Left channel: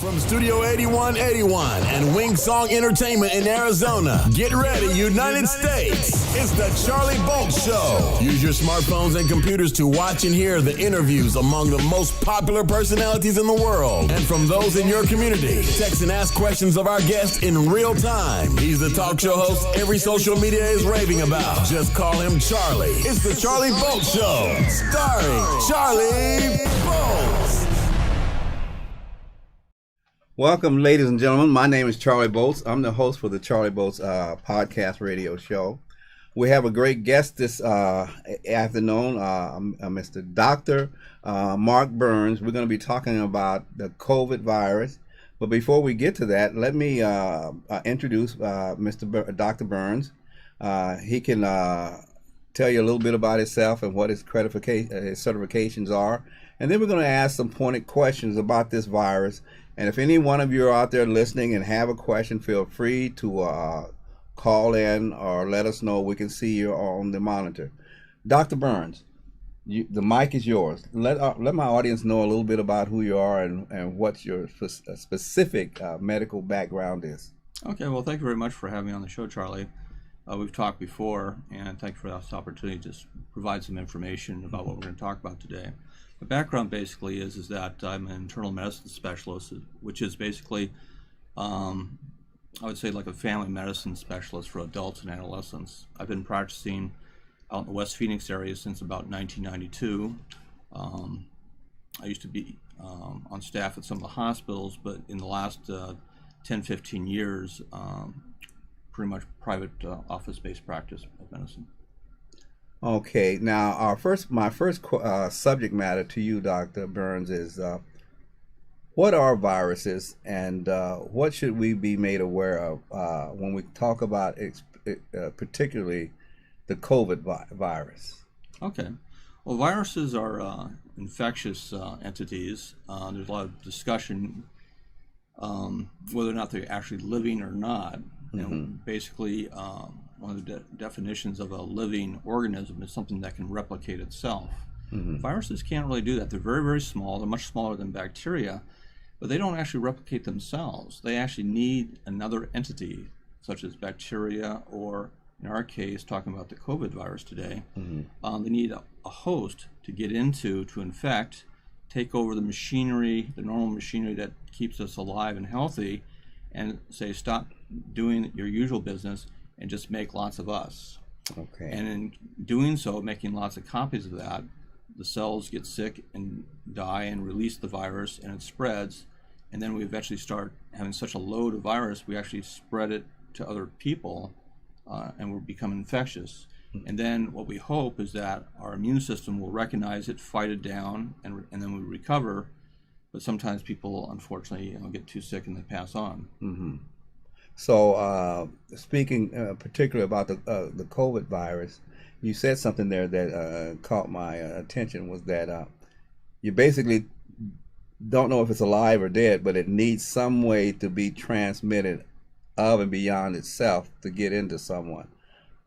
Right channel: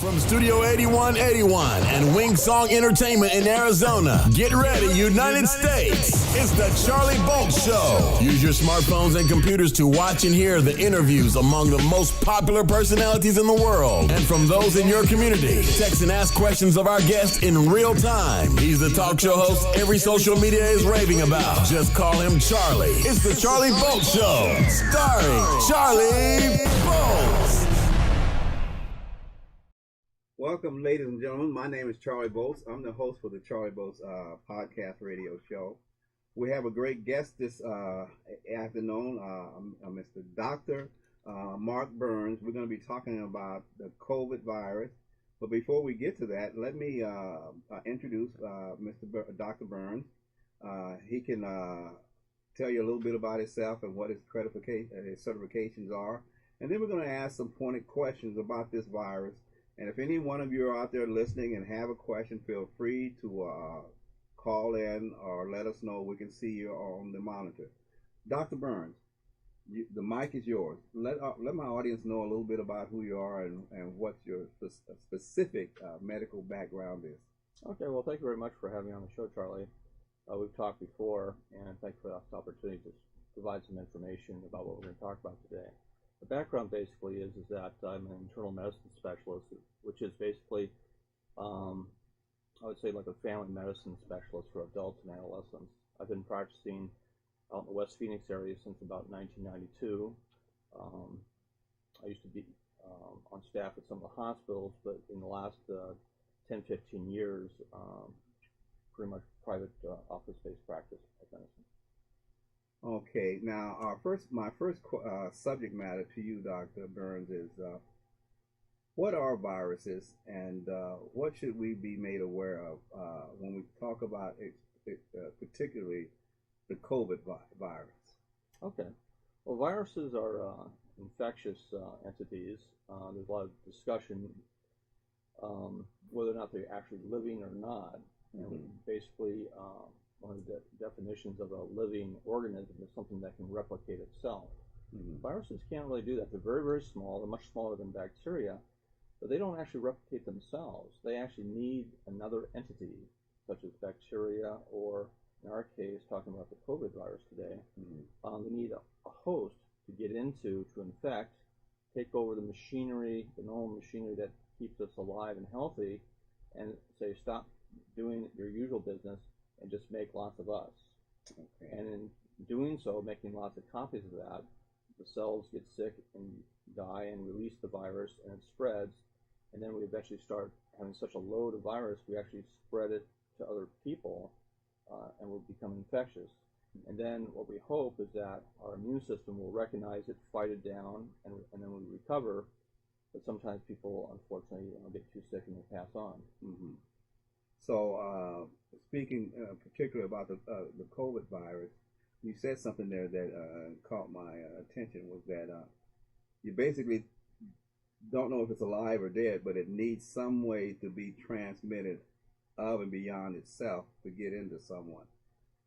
From Studio 8181 and Wing Song Entertainment in Arizona, get ready, United States. It's the Charlie Bolt Show. Use your smartphones and computers to watch and hear the interviews among the most popular personalities in the world and from those in your community. Text and ask questions of our guests in real time. He's the talk show host every social media is raving about. Just call him Charlie. It's the Charlie Bolt Show, starring Charlie Bolt. Welcome, ladies and gentlemen. My name is Charlie Bolts. I'm the host for the Charlie Bolts podcast radio show. We have a great guest this afternoon, Mr. Dr. Mark Burns. We're going to be talking about the COVID virus. But before we get to that, let me introduce Dr. Burns. He can tell you a little bit about himself and what his certifications are. And then we're going to ask some pointed questions about this virus. And if any one of you are out there listening and have a question, feel free to call in or let us know. We can see you on the monitor. Dr. Burns, the mic is yours. Let my audience know a little bit about who you are and what your specific medical background is. Okay, well, thank you very much for having me on the show, Charlie. We've talked before, and thank you for this opportunity to just provide some information about what we're going to talk about today. The background basically is that I'm an internal medicine specialist, which is basically, I would say like a family medicine specialist for adults and adolescents. I've been practicing out in the West Phoenix area since about 1992. I used to be on staff at some of the hospitals, but in the last 10, 15 years, pretty much private office-based practice of medicine. Okay, now my first subject matter to you, Dr. Burns, is what are viruses and what should we be made aware of when we talk about particularly the COVID virus? Okay, well, viruses are infectious entities. There's a lot of discussion whether or not they're actually living or not. You know, basically, one of the definitions of a living organism is something that can replicate itself. Viruses can't really do that. They're very, very small. They're much smaller than bacteria, but they don't actually replicate themselves. They actually need another entity, such as bacteria, or in our case, talking about the COVID virus today, they need a host to get into, to infect, take over the machinery, the normal machinery that keeps us alive and healthy, and say, stop doing your usual business and just make lots of us. Okay. And in doing so, making lots of copies of that, the cells get sick and die and release the virus, and it spreads. And then we eventually start having such a load of virus, we actually spread it to other people, and we'll become infectious. And then what we hope is that our immune system will recognize it, fight it down, and then we recover. But sometimes people, unfortunately, get too sick and they pass on. So, speaking particularly about the COVID virus, you said something there that caught my attention, was that you basically don't know if it's alive or dead, but it needs some way to be transmitted of and beyond itself to get into someone.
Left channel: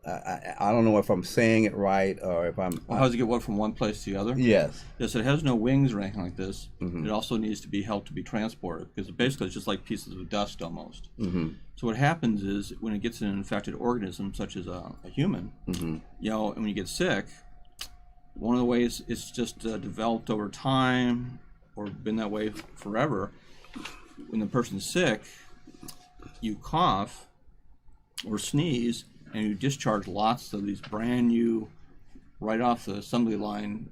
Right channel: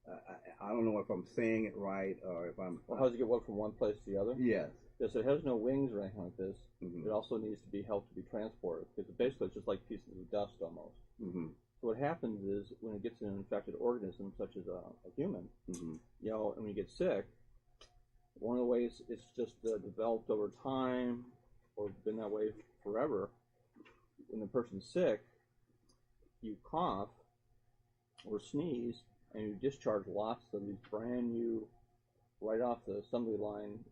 I don't know if I'm saying it right or if I'm... Well, how does it get one from one place to the other? Yes. Yes, it has no wings or anything like this. It also needs to be helped to be transported, because basically it's just like pieces of dust almost. So what happens is when it gets in an infected organism, such as a human, and when you get sick, one of the ways it's just developed over time or been that way forever, when the person's sick, you cough or sneeze, and you discharge lots of these brand new, right off the assembly line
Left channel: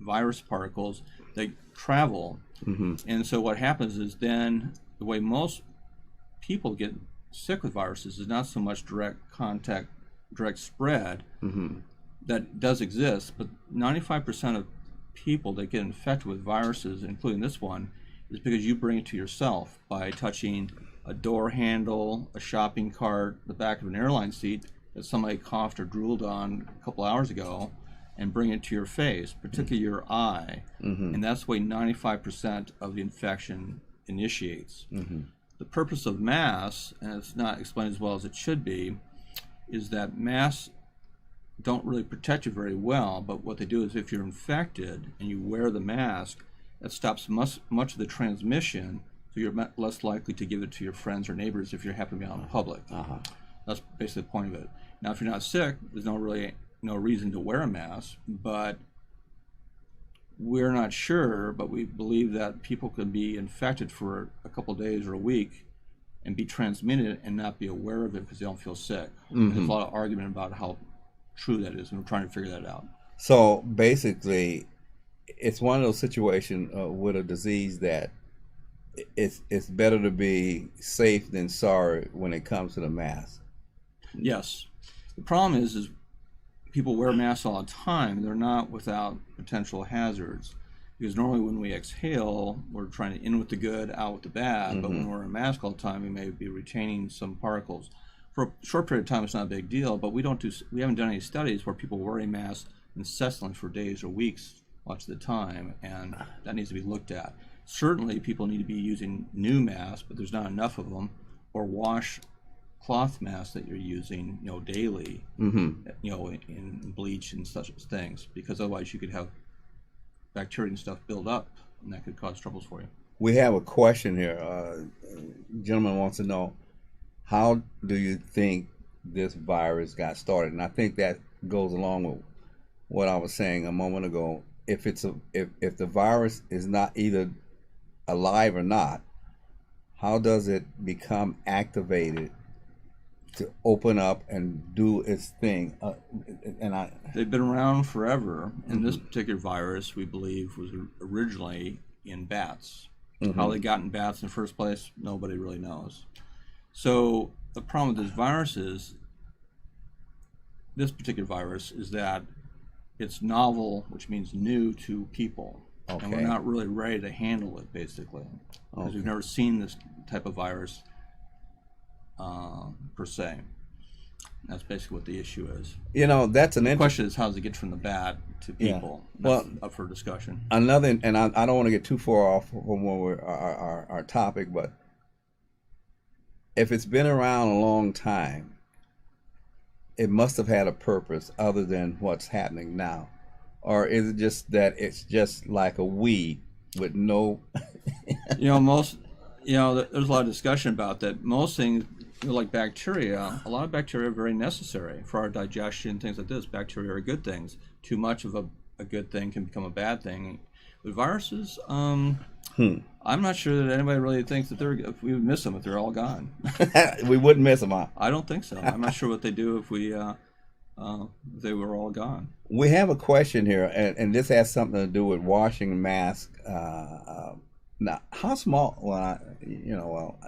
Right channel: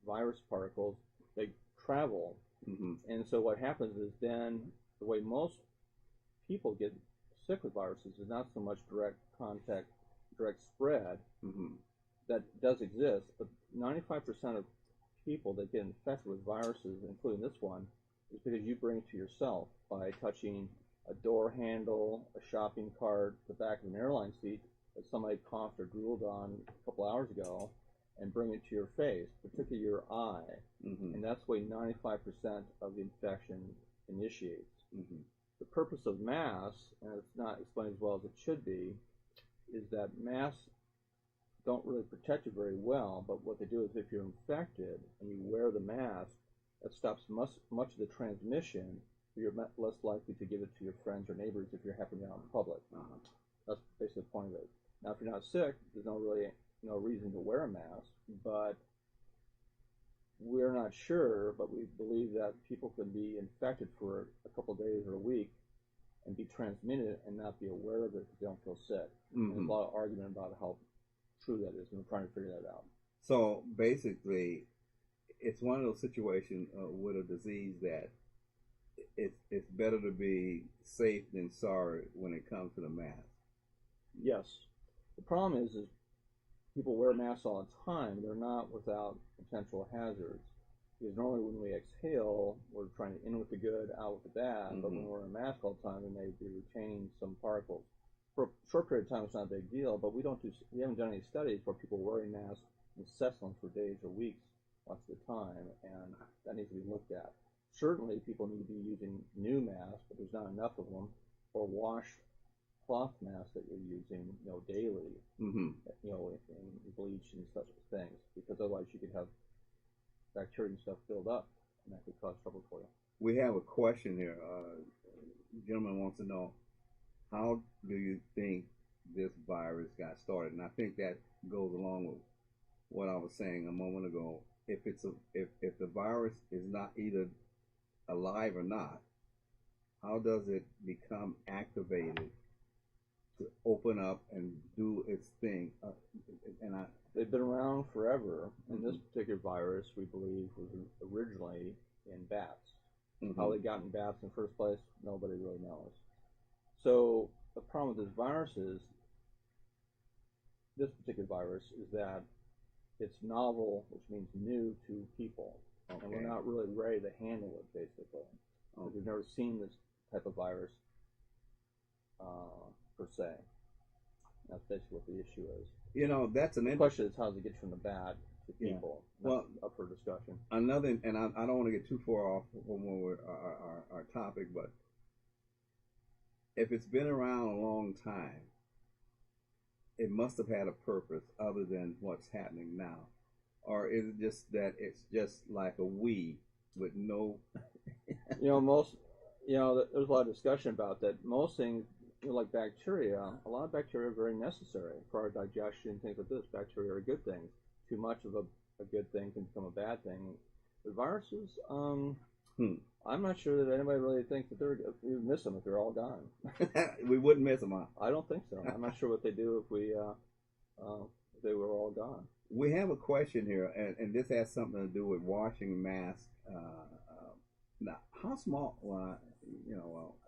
virus particles that travel. And so what happens is then the way most people get sick with viruses is not so much direct contact, direct spread. That does exist, but 95% of people that get infected with viruses, including this one, is because you bring it to yourself by touching a door handle, a shopping cart, the back of an airline seat that somebody coughed or drooled on a couple hours ago, and bring it to your face, particularly your eye. And that's the way 95% of the infection initiates. The purpose of masks, and it's not explained as well as it should be, is that masks don't really protect you very well, but what they do is if you're infected and you wear the mask, that stops much of the transmission, so So you're less likely to give it to your friends or neighbors if you happen to be out in public. That's basically the point of it. Now, if you're not sick, there's no reason to wear a mask, but we're not sure, but we believe that people could be infected for a couple of days or a week and be transmitted and not be aware of it because they don't feel sick. There's a lot of argument about how true that is, and we're trying to figure that out. So basically, it's one of those situations with a disease that it's better to be safe than sorry when it comes to the mask. Yes. The problem is people wear masks all the time. They're not without potential hazards. Because normally when we exhale, we're trying to in with the good, out with the bad. But when we're in a mask all the time, we may be retaining some particles. For a short period of time, it's not a big deal. But we haven't done any studies where people wear a mask incessantly for days or weeks much of the time, and that needs to be looked at. Certainly, people need to be using new masks, but there's not enough of them, or wash cloth masks that you're using, daily, in bleach and such things, because otherwise you could have bacteria and stuff build up, and that could cause troubles for you. We have a question here. Gentleman wants to know, how do you think this virus got started? And I think that goes along with what I was saying a moment ago. If the virus is not either alive or not, how does it become activated to open up and do its thing? They've been around forever, and this particular virus, we believe, was originally in bats. How they got in bats in the first place, nobody really knows. So the problem with this particular virus, is that it's novel, which means new to people. And we're not really ready to handle it, basically, because we've never seen this type of virus per se. That's basically what the issue is. That's the question is, how does it get from the bat to people? That's up for discussion. Another, and I don't want to get too far off from our topic, but if it's been around a long time, it must have had a purpose other than what's happening now. Or is it just that it's just like a weed with no... there's a lot of discussion about that. Most things, like bacteria, a lot of bacteria are very necessary for our digestion, things like this. Bacteria are good things. Too much of a good thing can become a bad thing. With viruses, I'm not sure that anybody really thinks that if we would miss them if they're all gone. We wouldn't miss them, huh? I don't think so. I'm not sure what they do if they were all gone. We have a question here, and this has something to do with washing masks. Now, how small?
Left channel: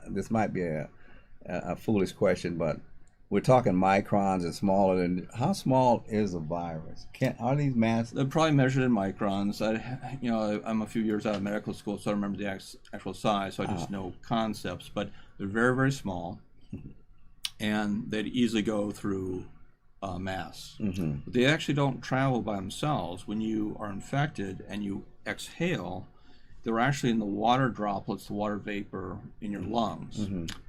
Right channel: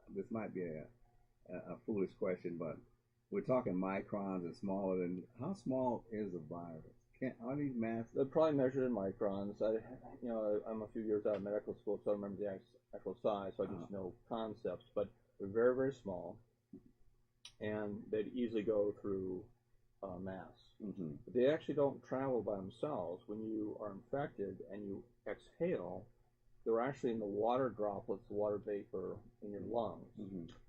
This might be a foolish question, but we're talking microns and smaller than. How small is a virus? Are these masks? They're probably measured in microns. I'm a few years out of medical school, so I don't remember the actual size. So I just know concepts, but they're very, very small, and they'd easily go through mass. But they actually don't travel by themselves. When you are infected and you exhale, they're actually in the water droplets, the water vapor in your lungs.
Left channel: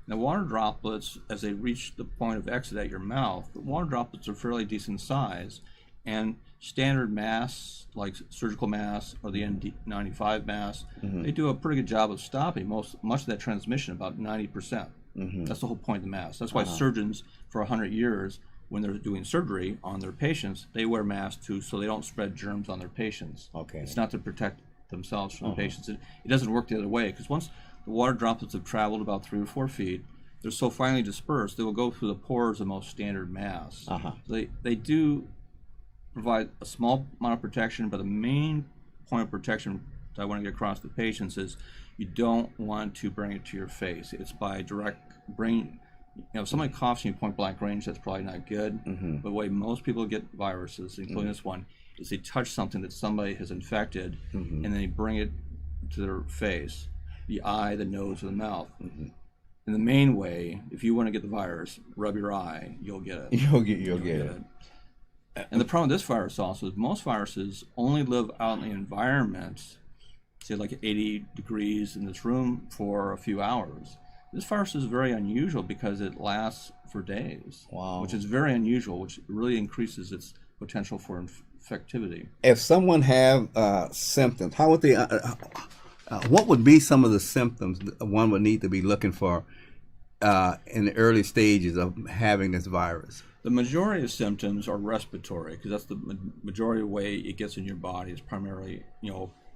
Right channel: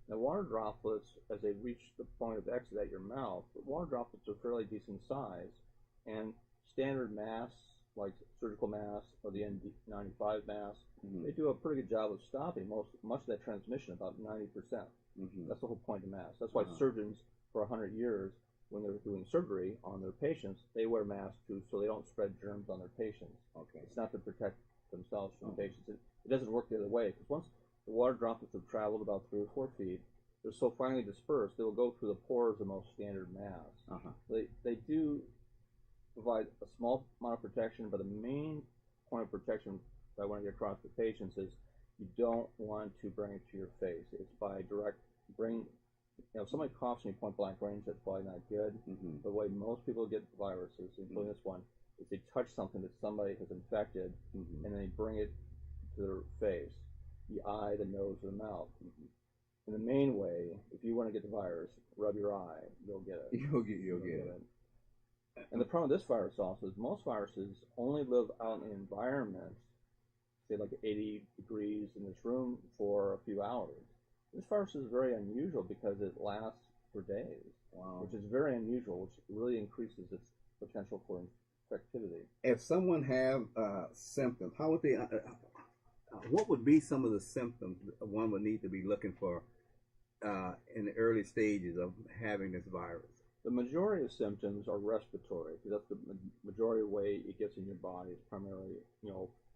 Now, water droplets, as they reach the point of exit at your mouth, the water droplets are fairly decent size, and standard masks, like surgical masks or the N95 mask, they do a pretty good job of stopping much of that transmission, about 90%. That's the whole point of the mask. That's why surgeons, for 100 years, when they're doing surgery on their patients, they wear masks too, so they don't spread germs on their patients. It's not to protect themselves from the patients. It doesn't work the other way, because once the water droplets have traveled about 3 or 4 feet, they're so finely dispersed, they will go through the pores of most standard masks. They do provide a small amount of protection, but the main point of protection that I want to get across to patients is you don't want to bring it to your face. It's by direct bring. If somebody coughs in you point blank range, that's probably not good. But the way most people get viruses, including this one, is they touch something that somebody has infected, and then they bring it to their face, the eye, the nose, or the mouth. And the main way, if you want to get the virus, rub your eye, you'll get it. You'll get it. And the problem with this virus also is most viruses only live out in the environment, say like 80 degrees in this room for a few hours. This virus is very unusual because it lasts for days, which is very unusual, which really increases its potential for infectivity. If someone have symptoms, how would they? What would be some of the symptoms that one would need to be looking for in the early stages of having this virus? The majority of symptoms are respiratory, because that's the majority of the way it gets in your body. Is primarily,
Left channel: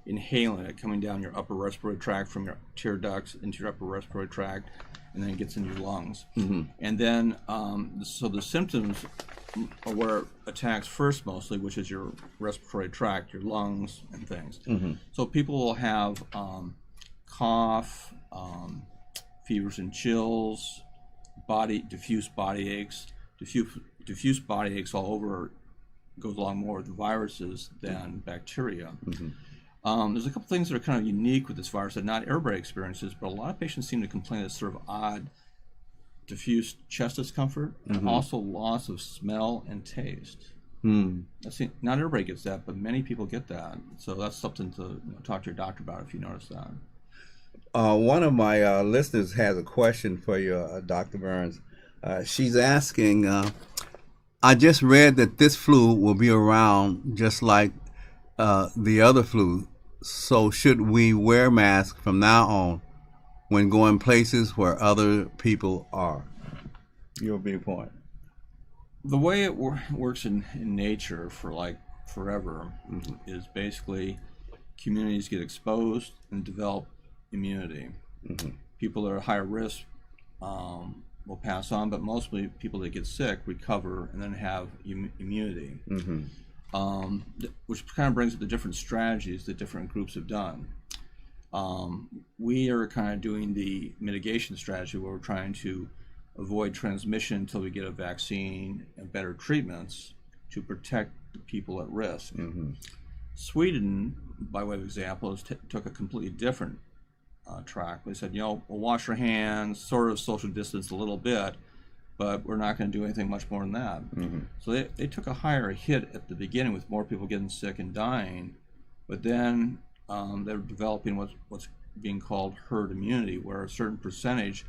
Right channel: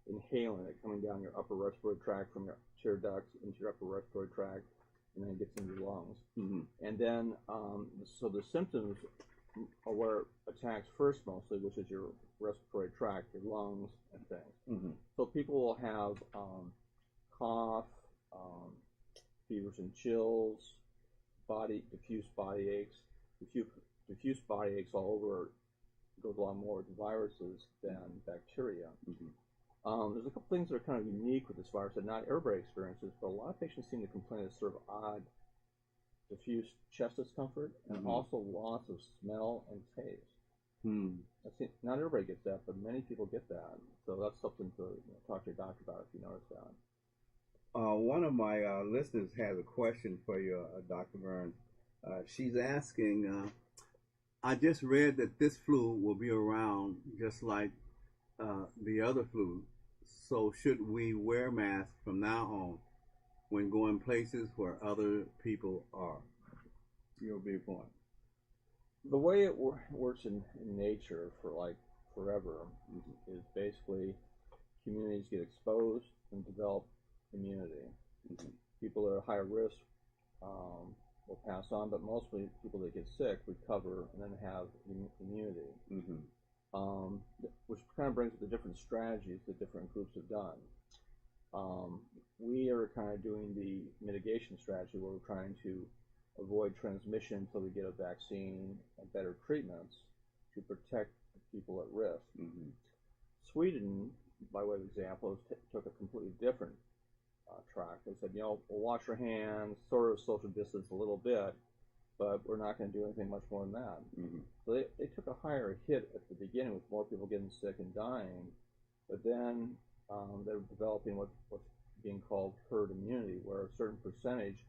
inhaling it, coming down your upper respiratory tract from your tear ducts into your upper respiratory tract, and then it gets into your lungs. Mm-hmm. And then, so the symptoms are where it attacks first mostly, which is your respiratory tract, your lungs, and things. Mm-hmm. So people will have cough, fevers and chills, diffuse body aches. Diffuse body aches all over goes along more with viruses than bacteria. Mm-hmm. There's a couple things that are kind of unique with this virus that not everybody experiences, but a lot of patients seem to complain of sort of odd diffuse chest discomfort, mm-hmm. and also loss of smell and taste. Not everybody gets that, but many people get that. So that's something to talk to your doctor about if you notice that. One of my listeners has a question for you, Dr. Burns. She's asking, I just read that this flu will be around just like the other flu. So should we wear masks from now on when going places where other people are? Your viewpoint. The way it works in nature for like forever, mm-hmm. is basically communities get exposed and develop immunity. Mm-hmm. People that are higher risk will pass on, but mostly people that get sick recover and then have immunity. Mm-hmm. Which kind of brings up the different strategies that different groups have done. We are kind of doing the mitigation strategy where we're trying to avoid transmission until we get a vaccine and better treatments to protect the people at risk. Mm-hmm. Sweden, by way of example, took a completely different track. They said, we'll wash our hands, sort of social distance a little bit, but we're not going to do anything much more than that. Mm-hmm. So they took a higher hit at the beginning with more people getting sick and dying, but then they're developing what's being called herd immunity, where a certain percentage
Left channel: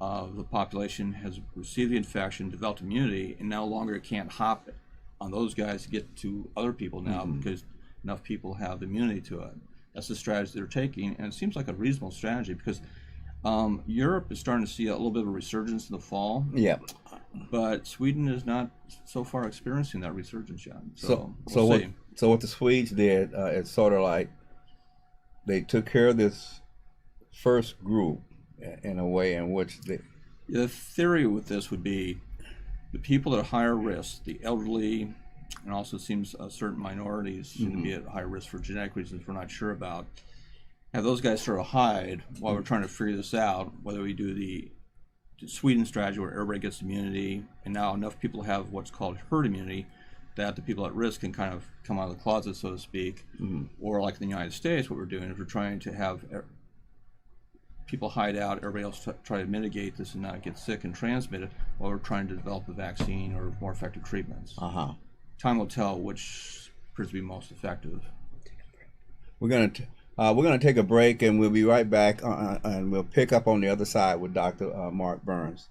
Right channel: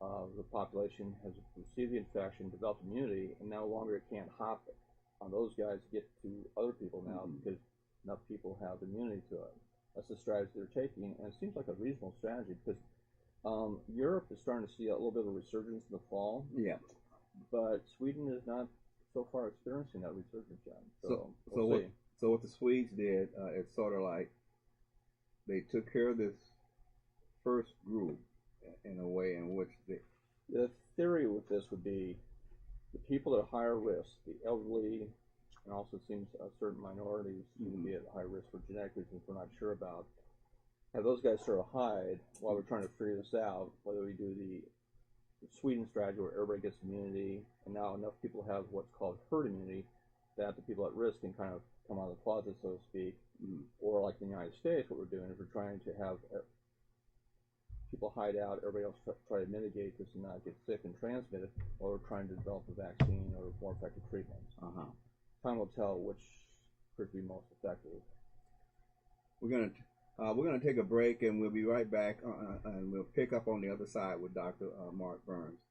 of the population has received the infection, developed immunity, and no longer can't hop on those guys to get to other people now, mm-hmm. because enough people have immunity to it. That's the strategy they're taking, and it seems like a reasonable strategy because Europe is starting to see a little bit of a resurgence in the fall. Yeah. But Sweden is not so far experiencing that resurgence yet. So what the Swedes did, it's sort of like they took care of this first group in a way in which they... The theory with this would be the people at higher risk, the elderly, and also seems certain minorities seem mm-hmm. to be at high risk for genetic reasons we're not sure about. Have those guys sort of hide while we're trying to figure this out, whether we do the Sweden strategy where everybody gets immunity, and now enough people have what's called herd immunity that the people at risk can kind of come out of the closet, so to speak, mm-hmm. or like in the United States, what we're doing is we're trying to have people hide out, everybody else try to mitigate this and not get sick and transmit it while we're trying to develop a vaccine or more effective treatments. Uh-huh. Time will tell which proves to be most effective. We're gonna take a break, and we'll be right back, and we'll pick up on the other side with Dr. Mark Burns.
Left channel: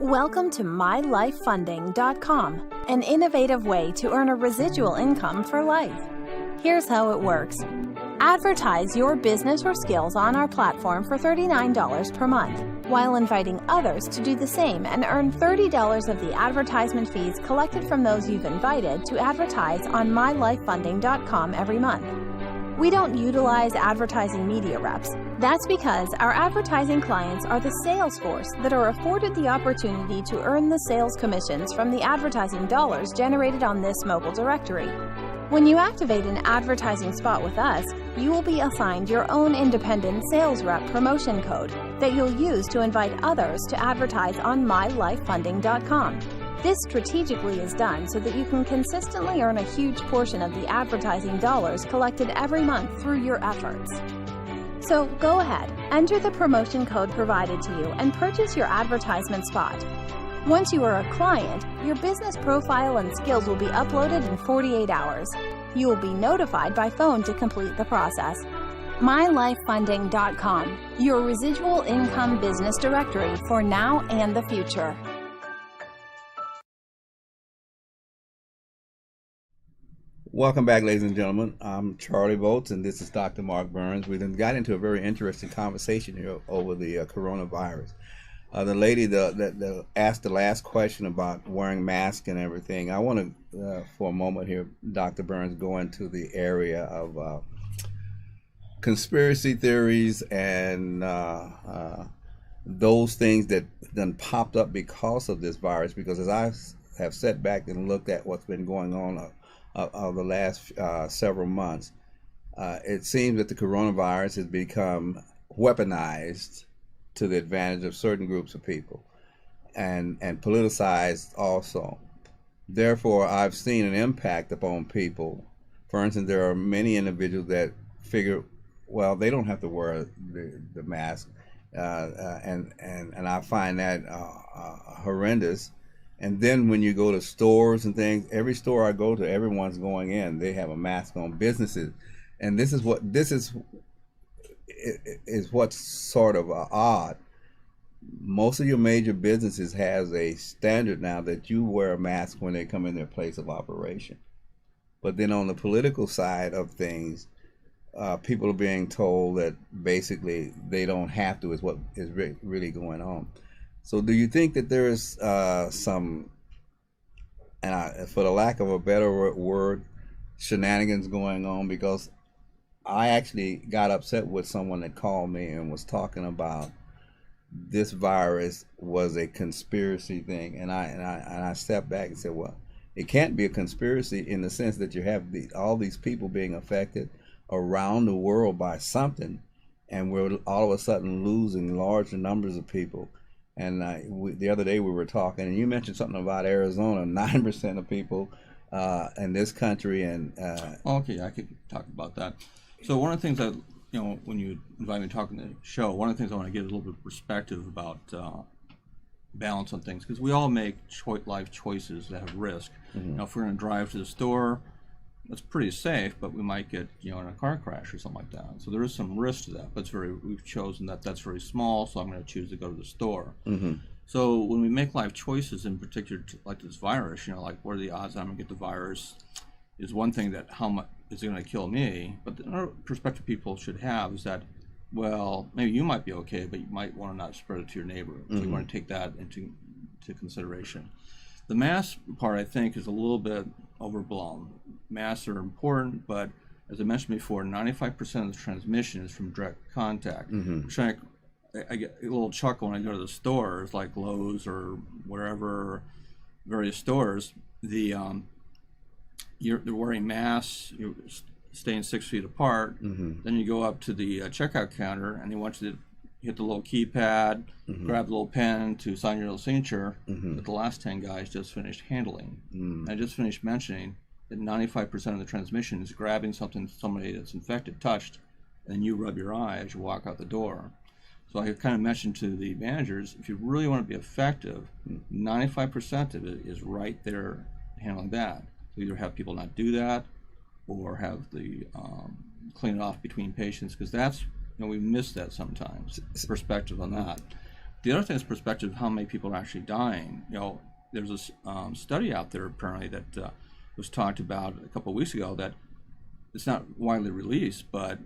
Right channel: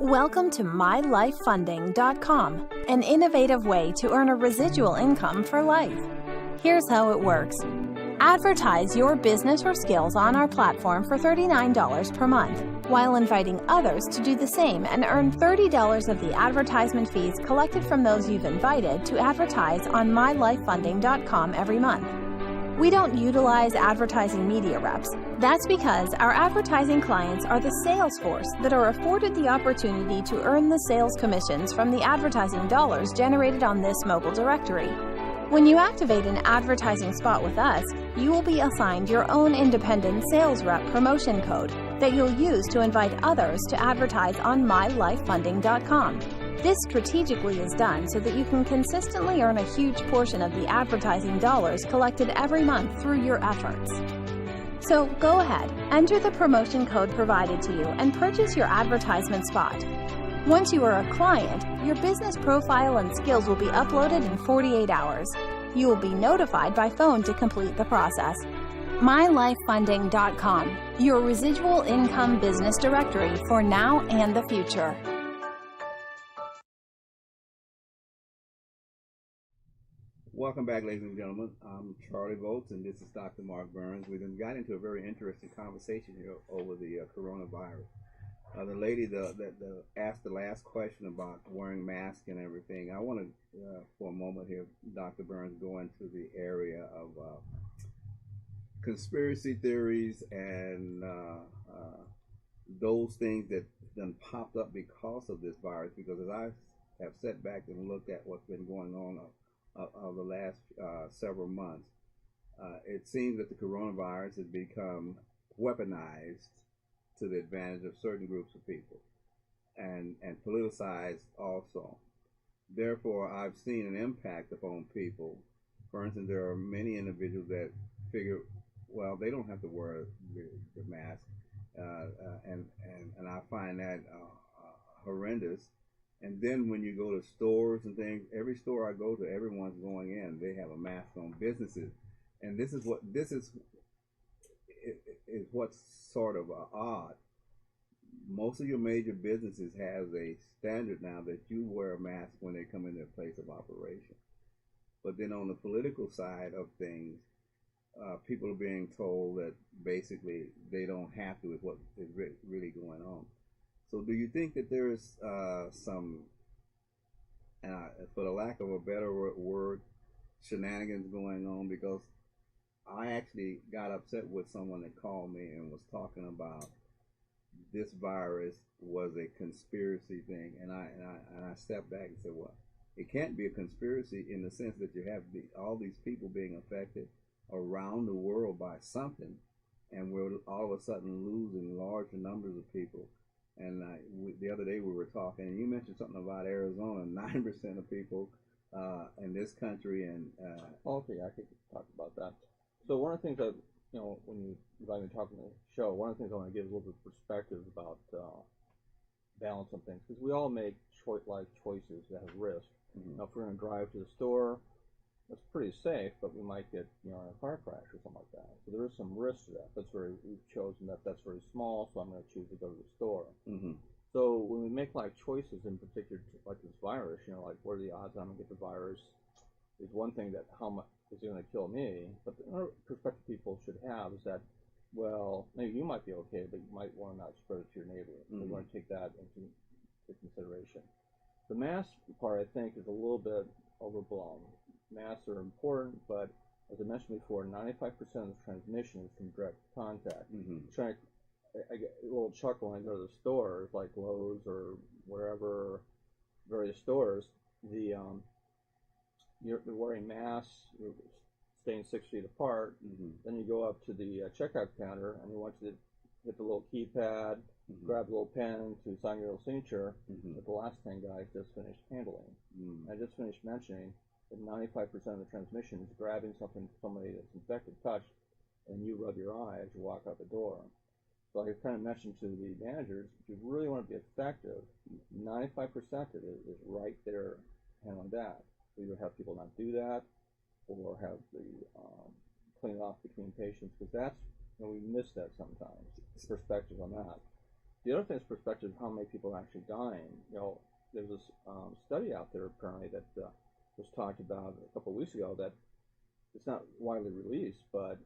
Welcome to MyLifeFunding.com, an innovative way to earn a residual income for life. Here's how it works. Advertise your business or skills on our platform for $39 per month, while inviting others to do the same and earn $30 of the advertisement fees collected from those you've invited to advertise on MyLifeFunding.com every month. We don't utilize advertising media reps. That's because our advertising clients are the sales force that are afforded the opportunity to earn the sales commissions from the advertising dollars generated on this mobile directory. When you activate an advertising spot with us, you will be assigned your own independent sales rep promotion code that you'll use to invite others to advertise on MyLifeFunding.com. This strategically is done so that you can consistently earn a huge portion of the advertising dollars collected every month through your efforts. So go ahead, enter the promotion code provided to you and purchase your advertisement spot. Once you are a client, your business profile and skills will be uploaded in 48 hours. You will be notified by phone to complete the process. MyLifeFunding.com, your residual income business directory for now and the future. Welcome back, ladies and gentlemen. I'm Charlie Bolts, and this is Dr. Mark Burns. We then got into a very interesting conversation here over the coronavirus. The lady that asked the last question about wearing masks and everything, I want to, for a moment here, Dr. Burns, go into the area of conspiracy theories and those things that then popped up because of this virus. Because as I have sat back and looked at what's been going on of the last several months, it seems that the coronavirus has become weaponized to the advantage of certain groups of people and politicized also. Therefore, I've seen an impact upon people. For instance, there are many individuals that figure, well, they don't have to wear the mask, and I find that horrendous. And then when you go to stores and things, every store I go to, everyone's going in. They have a mask on. Businesses, and this is what's sort of odd. Most of your major businesses has a standard now that you wear a mask when they come in their place of operation. But then on the political side of things, people are being told that basically they don't have to, is what is really going on. So do you think that there is some, and for the lack of a better word, shenanigans going on? Because I actually got upset with someone that called me and was talking about this virus was a conspiracy thing, and I stepped back and said, well, it can't be a conspiracy in the sense that you have all these people being affected around the world by something, and we're all of a sudden losing large numbers of people. And the other day we were talking, and you mentioned something about Arizona, 9% of people in this country, and okay, I could talk about that. So one of the things that, when you invite me to talk in the show, one of the things I want to get a little bit of perspective about balance on things, because we all make life choices that have risk. Mm-hmm. If we're going to drive to the store, that's pretty safe, but we might get in a car crash or something like that. So there is some risk to that, but we've chosen that's very small, so I'm going to choose to go to the store. Mm-hmm. So when we make life choices, in particular like this virus, like what are the odds I'm going to get the virus, is one thing. That how much is it going to kill me? But the other perspective people should have is that, well, maybe you might be okay, but you might want to not spread it to your neighbor. So you want to take that into consideration. The mask part, I think, is a little bit overblown. Masks are important, but as I mentioned before, 95% of the transmission is from direct contact. Which I get a little chuckle when I go to the stores, like Lowe's or wherever, various stores. You're wearing masks, you're staying 6 feet apart. Then you go up to the checkout counter, and they want you to hit the little keypad, grab the little pen to sign your little signature that the last 10 guys just finished handling. I just finished mentioning that 95% of the transmission is grabbing something somebody that's infected touched, and then you rub your eye as you walk out the door. So I kind of mentioned to the managers, if you really want to be effective, 95% of it is right there handling that. So either have people not do that, or have the clean it off between patients, because that's, we miss that sometimes, perspective on that. The other thing is perspective of how many people are actually dying. There's a study out there apparently that was talked about a couple of weeks ago that it's not widely released, but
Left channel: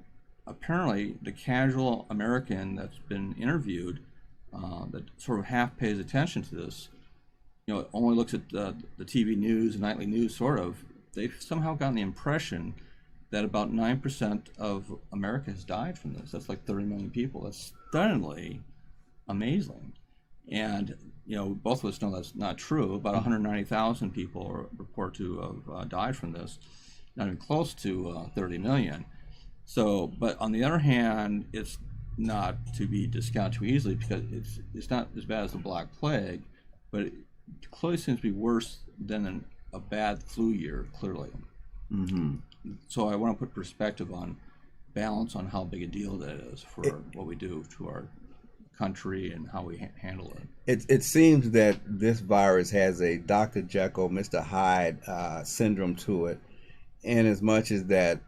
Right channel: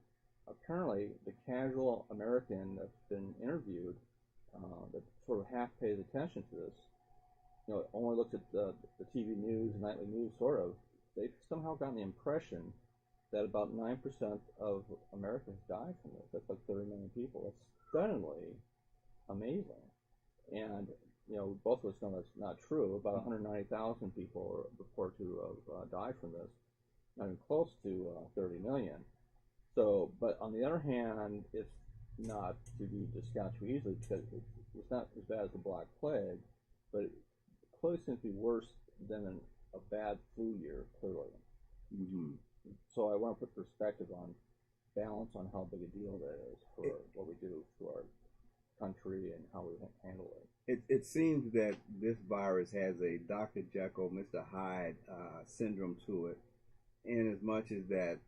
apparently the casual American that's been interviewed that sort of half pays attention to this, only looks at the TV news, nightly news sort of, they've somehow gotten the impression that about 9% of America has died from this. That's like 30 million people. That's stunningly amazing. And, both of us know that's not true. About 190,000 people report to have died from this, not even close to 30 million. So, but on the other hand, it's not to be discounted too easily, because it's not as bad as the Black Plague, but it clearly seems to be worse than a bad flu year, clearly. So I want to put perspective on balance on how big a deal that is for what we do to our country and how we handle it. It seems that this virus has a Dr. Jekyll, Mr. Hyde syndrome to it, in as much as that,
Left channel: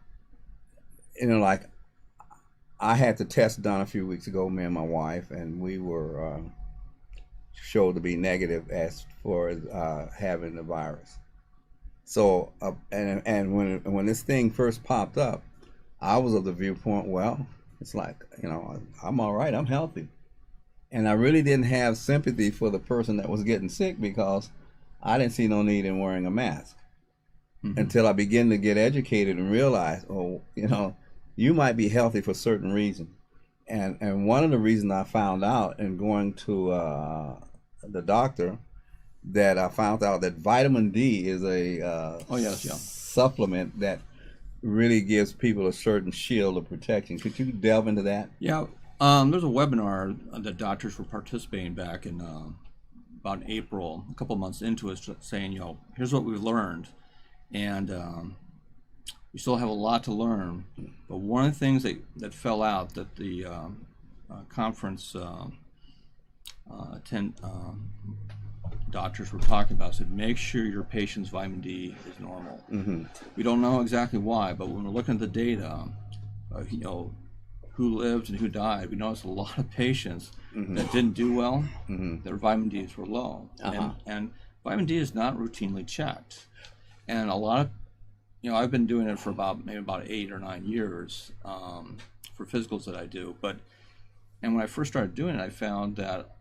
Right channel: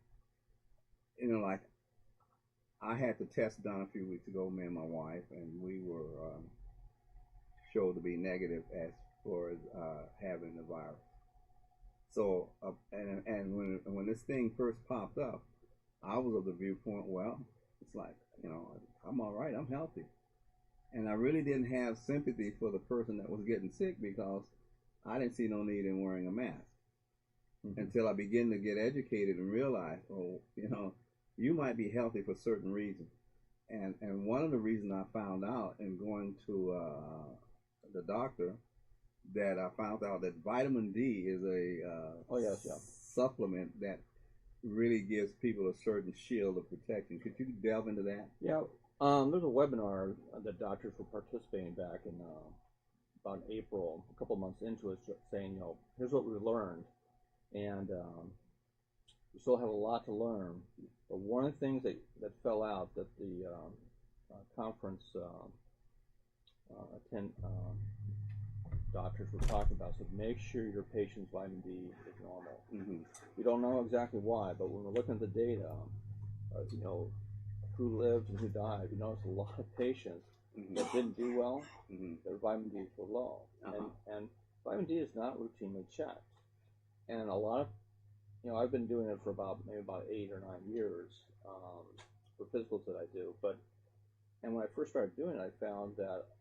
like I had the test done a few weeks ago, me and my wife, and we were showed to be negative as far as having the virus. So and when this thing first popped up, I was of the viewpoint, well, it's like, I'm all right, I'm healthy. And I really didn't have sympathy for the person that was getting sick because I didn't see no need in wearing a mask until I began to get educated and realize, you might be healthy for certain reasons. And one of the reasons I found out in going to the doctor, that I found out that vitamin D is a supplement that really gives people a certain shield of protection. Could you delve into that? Yeah. There's a webinar that doctors were participating back in about April, a couple months into it, saying, here's what we've learned. And we still have a lot to learn. But one of the things that fell out that the conference doctors were talking about said, make sure your patient's vitamin D is normal. We don't know exactly why, but when we're looking at the data, who lived and who died, we noticed a lot of patients that didn't do well, their vitamin Ds were low. And vitamin D is not routinely checked. And a lot of, I've been doing it for maybe about 8 or 9 years for physicals that I do. And when I first started doing it, I found that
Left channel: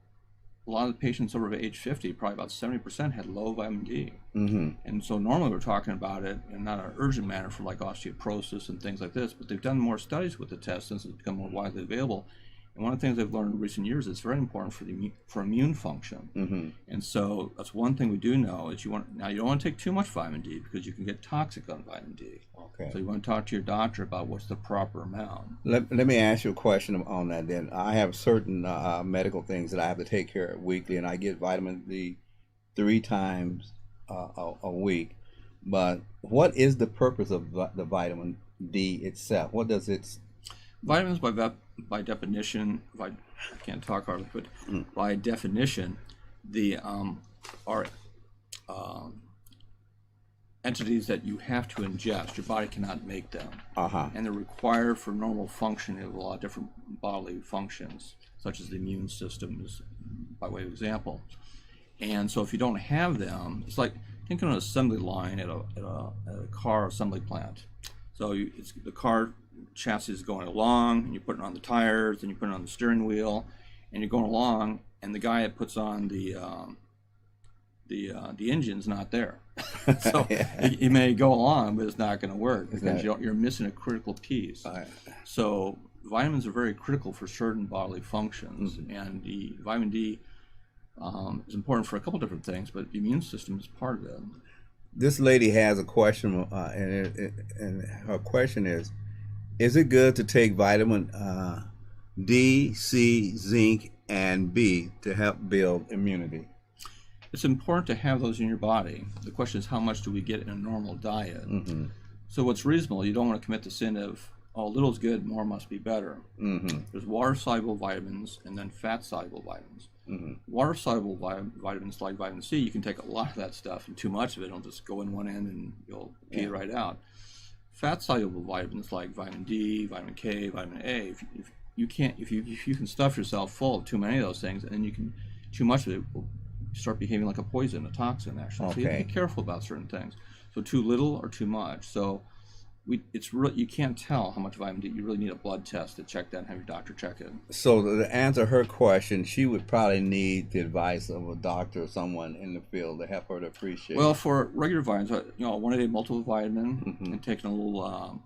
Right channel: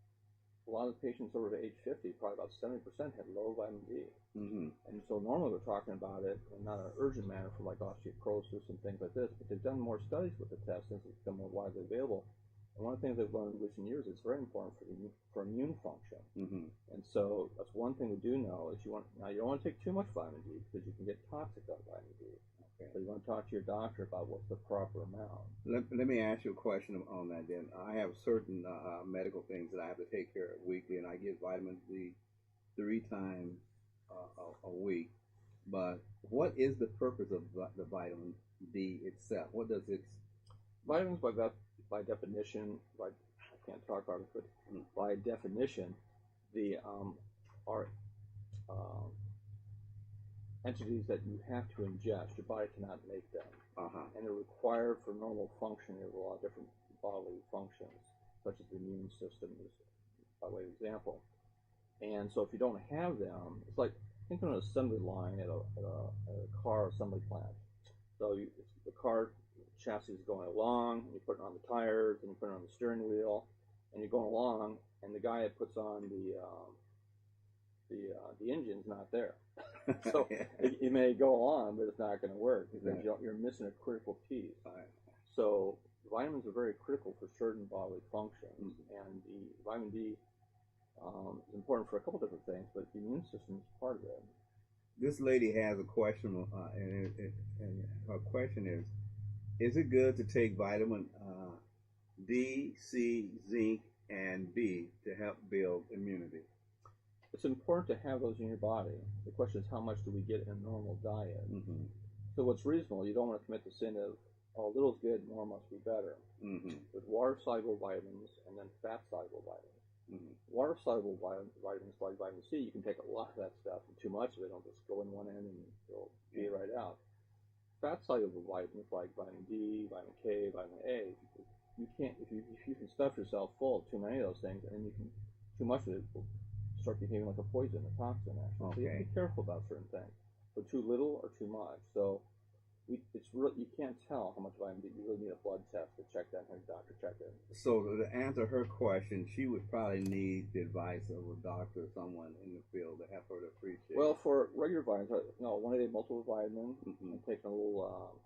a lot of the patients over age 50, probably about 70%, had low vitamin D. And so normally we're talking about it in not an urgent manner for like osteoporosis and things like this, but they've done more studies with the test since it's become more widely available. And one of the things I've learned in recent years is it's very important for immune function. And so that's one thing we do know is you don't want to take too much vitamin D because you can get toxic on vitamin D. Okay. So you want to talk to your doctor about what's the proper amount. Let me ask you a question on that then. I have certain medical things that I have to take care of weekly, and I get vitamin D 3 times a week. But what is the purpose of the vitamin D itself? What does it... Vitamins, by definition, I can't talk hardly, but by definition, the are entities that you have to ingest. Your body cannot make them, and they're required for normal functioning of a lot of different bodily functions, such as the immune system, by way of example. And so, if you don't have them, it's like think of an assembly line at a car assembly plant. So the car chassis is going along, and you put it on the tires, and you put it on the steering wheel, and you're going along, and the guy that puts on the engine's not there. So you may go along, but it's not going to work because you're missing a critical piece. So vitamins are very critical for certain bodily functions, and the vitamin D is important for a couple different things, but the immune system is part of it. This lady has a question, and her question is it good to take vitamin D, C, zinc, and B to help build immunity? It's important to have those in your body. The question is, how much do we get in a normal diet? So what's reasonable, you don't want to commit the sin of, oh, little's good, more must be better. There's water-soluble vitamins and then fat-soluble vitamins. Water-soluble vitamins like vitamin C, you can take a lot of that stuff, and too much of it will just go in one end and you'll pee it right out. Fat-soluble vitamins like vitamin D, vitamin K, vitamin A, if you can stuff yourself full of too many of those things, and then too much of it will start behaving like a poison, a toxin actually. So you have to be careful about certain things. So too little or too much. So you can't tell how much vitamin D. You really need a blood test to check that and have your doctor check it. So to answer her question, she would probably need the advice of a doctor or someone in the field to help her to appreciate. Well, for regular vitamins, one a day multivitamin and taking a little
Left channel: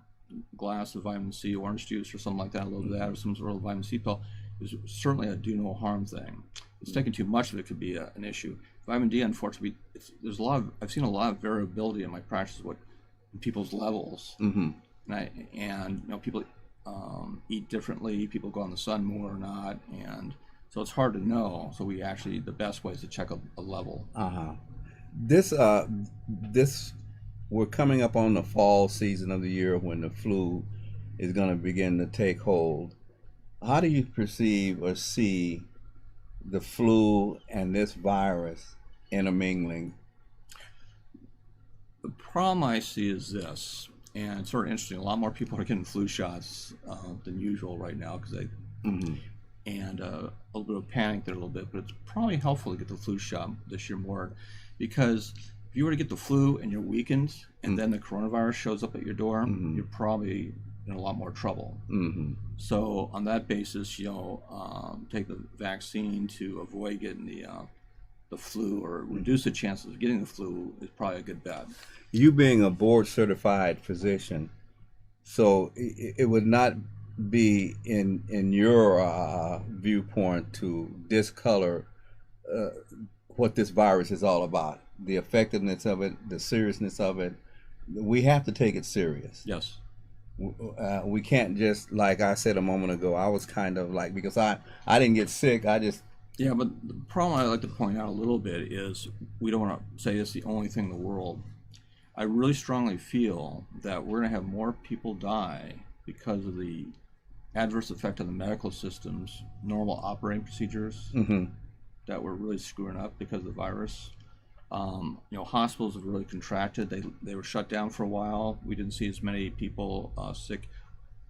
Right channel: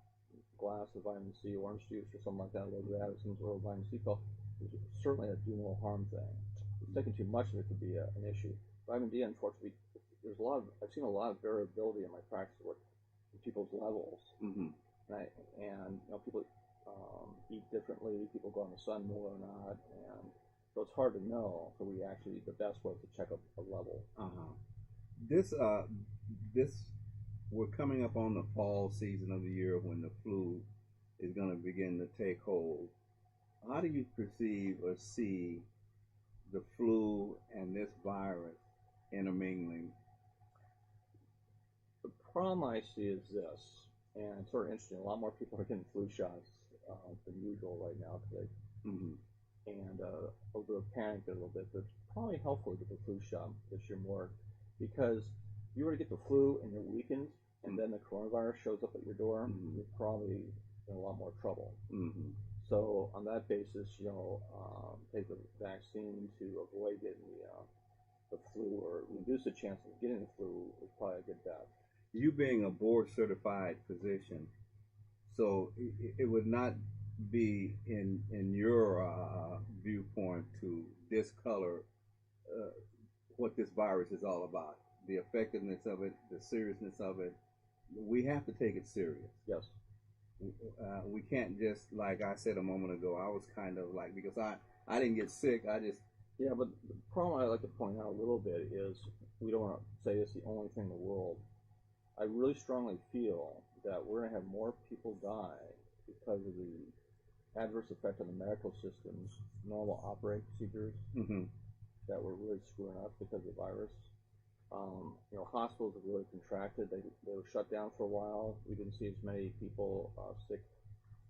glass of vitamin C, orange juice or something like that, a little bit of that, or some sort of vitamin C pill, is certainly a do no harm thing. It's taking too much of it could be an issue. Vitamin D, unfortunately, I've seen a lot of variability in my practice people's levels, and people eat differently. People go in the sun more or not, and so it's hard to know. So the best way is to check a level. This we're coming up on the fall season of the year when the flu is going to begin to take hold. How do you perceive or see the flu and this virus intermingling? The problem I see is this, and it's sort of interesting. A lot more people are getting flu shots than usual right now because and a little bit of panic there a little bit. But it's probably helpful to get the flu shot this year more because if you were to get the flu and you're weakened, and then the coronavirus shows up at your door, you're probably in a lot more trouble. So on that basis, take the vaccine to avoid getting the flu or reduce the chances of getting the flu is probably a good bet. You being a board certified physician, so it would not be in your viewpoint to discolor what this virus is all about, the effectiveness of it, the seriousness of it. We have to take it serious. Yes. We can't just, like I said a moment ago, I was kind of like, because I didn't get sick, I just... Yeah, but the problem I'd like to point out a little bit is we don't want to say it's the only thing in the world. I really strongly feel that we're going to have more people die because of the adverse effect on the medical system's normal operating procedures that were really screwing up because of the virus. Hospitals have really contracted. They were shut down for a while. We didn't see as many people sick.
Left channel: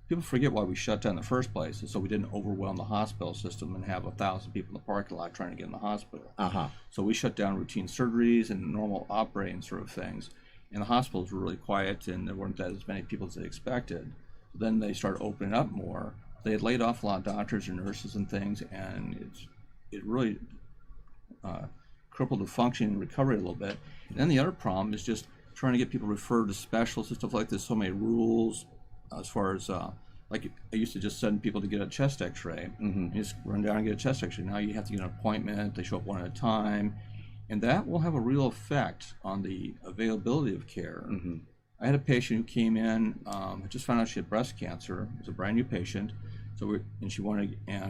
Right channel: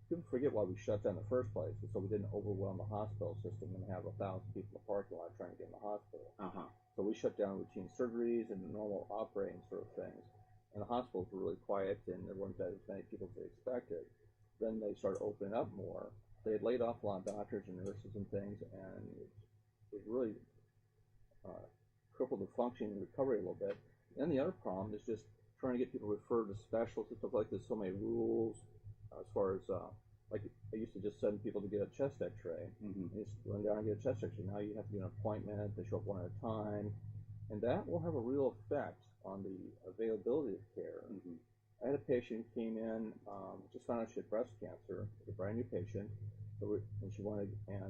People forget why we shut down in the first place, so we didn't overwhelm the hospital system and have 1,000 people in the parking lot trying to get in the hospital. So we shut down routine surgeries and normal operating sort of things. And the hospitals were really quiet, and there weren't as many people as they expected. Then they started opening up more. They had laid off a lot of doctors and nurses and things, and it really crippled the functioning and recovery a little bit. And then the other problem is just trying to get people referred to specialists and stuff like this. So many rules as far as like I used to just send people to get a chest X-ray. You just run down and get a chest X-ray. Now you have to get an appointment. They show up one at a time. And that will have a real effect on the availability of care. I had a patient who came in, I just found out she had breast cancer. It was a brand new patient, and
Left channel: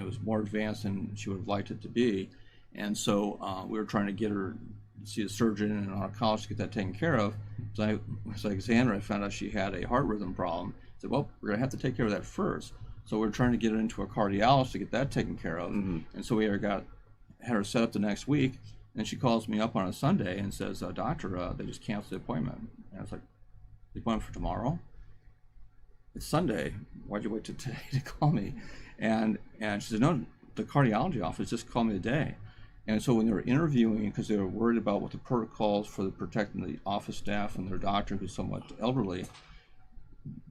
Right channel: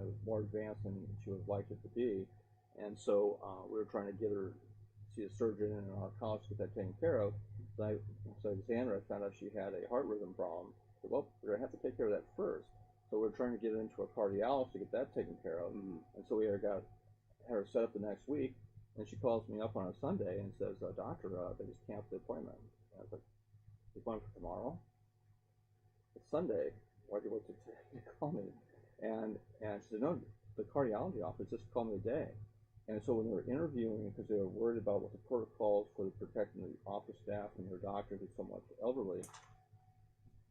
it was more advanced than she would have liked it to be. And so we were trying to get her to see a surgeon and an oncologist to get that taken care of. So I was like, Xander, I found out she had a heart rhythm problem. I said, well, we're going to have to take care of that first. So we're trying to get her into a cardiologist to get that taken care of. And so we had her set up the next week. And she calls me up on a Sunday and says, doctor, they just canceled the appointment. And I was like, the appointment for tomorrow? It's Sunday. Why'd you wait till today to call me? And she said, no, the cardiology office just called me today. And so when they were interviewing, because they were worried about what the protocols for protecting the office staff and their doctor, who's somewhat elderly,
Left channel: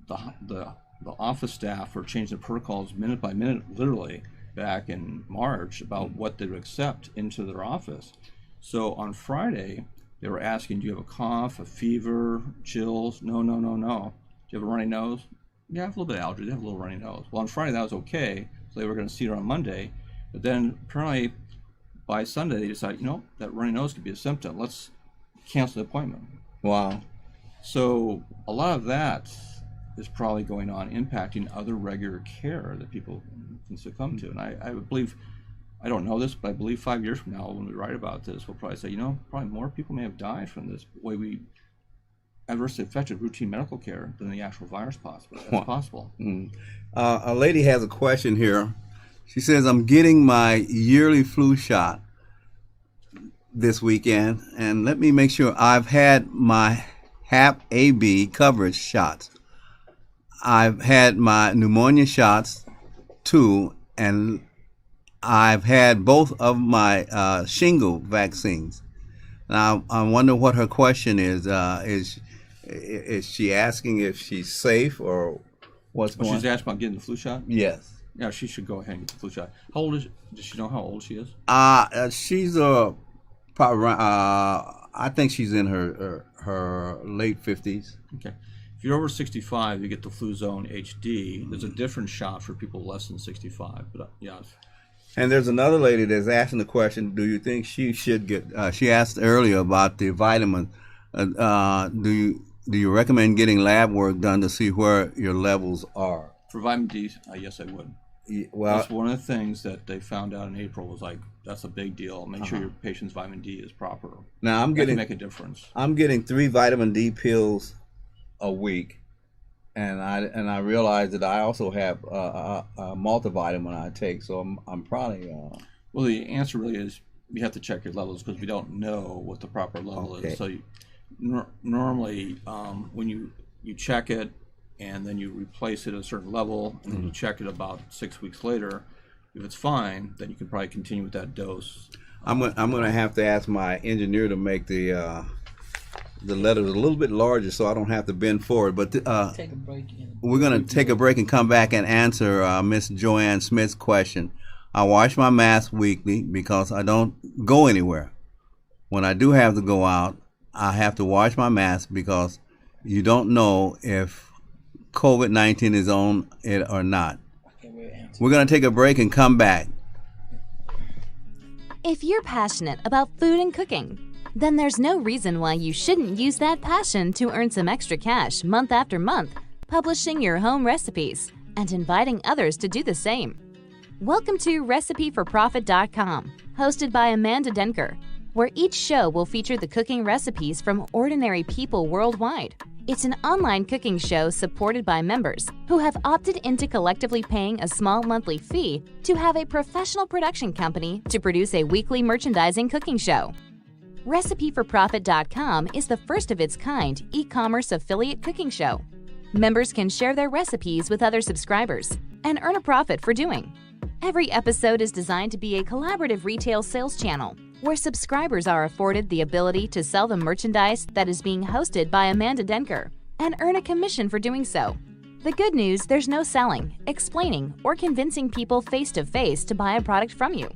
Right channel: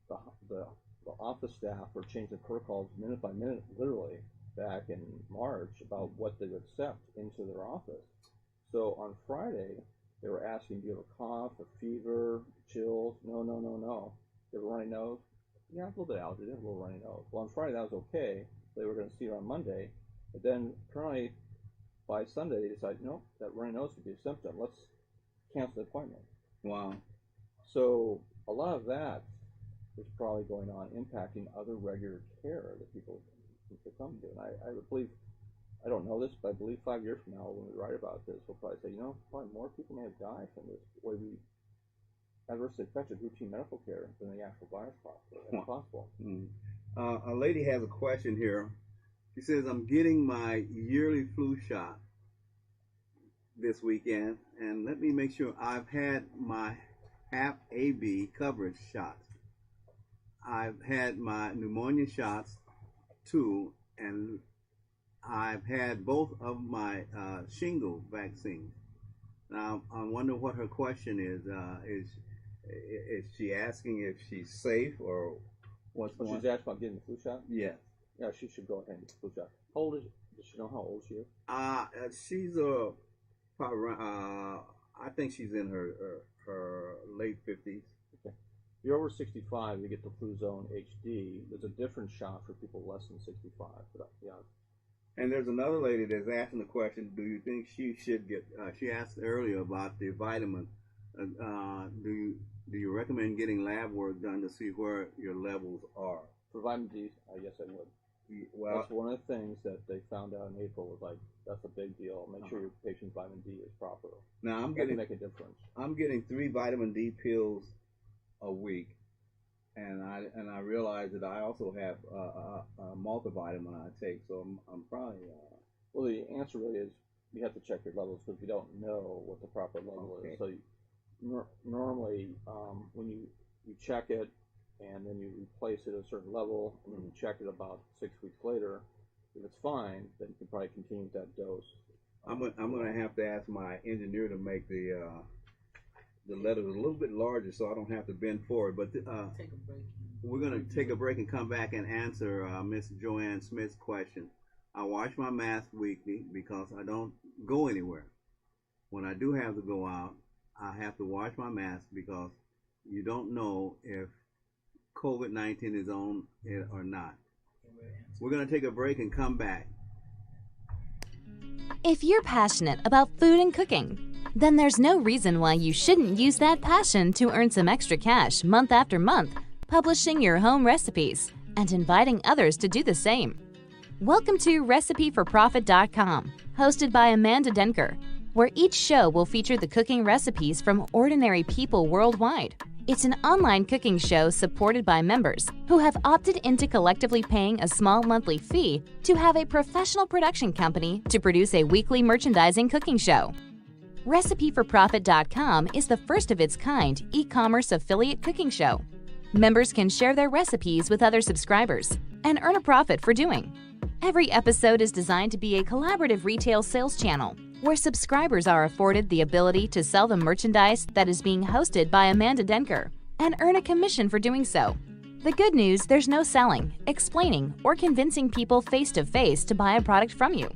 the office staff were changing the protocols minute by minute, literally, back in March about what they would accept into their office. So on Friday, they were asking, do you have a cough, a fever, chills? No. Do you have a runny nose? Yeah, I have a little bit of allergies. I have a little runny nose. Well, on Friday, that was okay. So they were going to see her on Monday. But then apparently by Sunday, they decided, that runny nose could be a symptom. Let's cancel the appointment. Wow. So a lot of that is probably going on, impacting other regular care that people can succumb to. And I believe, I don't know this, but I believe 5 years from now, when we write about this, we'll probably say, probably more people may have died from this way we adversely affected routine medical care than the actual virus possible. A lady has a question here. She says, I'm getting my yearly flu shot this weekend, and let me make sure I've had my HAP AB coverage shots. I've had my pneumonia shots too, and I've had both of my shingle vaccines. Now, I wonder what her question is. Is she asking if she's safe or what's going on? She's asking about getting the flu shot? Yes. Yeah, she should go ahead and get the flu shot. How old is she? Does she know how old she is? She's probably around, I think she's in her late 50s. Okay. If you're over 65, you get the Fluzone HD. There's a different shot for people less than 65. But yeah. And there's another lady that's asking the question, do you think she should get, she asked earlier about the vitamin, do you recommend getting lab work done to see where your levels are? For vitamin D, yes, I would. Well, that's one of the things that they found out in April was like, that's a big deal. Make sure your patient's vitamin D is proper. Now that can make a difference. I'm getting 3 vitamin D pills a week, and I realize that I also have a multivitamin I take, so I'm probably. Well, the answer really is you have to check your levels because we don't know what the proper level is. So normally, when you check it and then you replace it at a certain level, and then you check it about 6 weeks later, if it's fine, then you can probably continue with that dose. I'm gonna have to ask my engineer to make the the letters a little bit larger so I don't have to bend forward. But Take a break. we're going to take a break and come back and answer Miss Joanne Smith's question. I wash my mask weekly because I don't go anywhere. When I do have to go out, I have to wash my mask because you don't know if COVID-19 is on it or not. We're going to take a break and come back. If you're passionate about food and cooking, then there's no reason why you shouldn't use that passion to earn some extra cash month after month, publishing your home recipes and inviting others to do the same. Welcome to RecipeForProfit.com, hosted by Amanda Denker, where each show will feature the cooking recipes from ordinary people worldwide. It's an online cooking show supported by members who have opted into collectively paying a small monthly fee to have a professional production company to produce a weekly merchandising cooking show. RecipeForProfit.com is the first of its kind e-commerce affiliate cooking show. Members can share their recipes with other subscribers and earn a profit for doing. Every episode is designed to be a collaborative retail sales channel where subscribers are afforded the ability to sell the merchandise that is being hosted by Amanda Denker and earn a commission for doing so. The good news, there's no selling, explaining, or convincing people face-to-face to buy a product from you.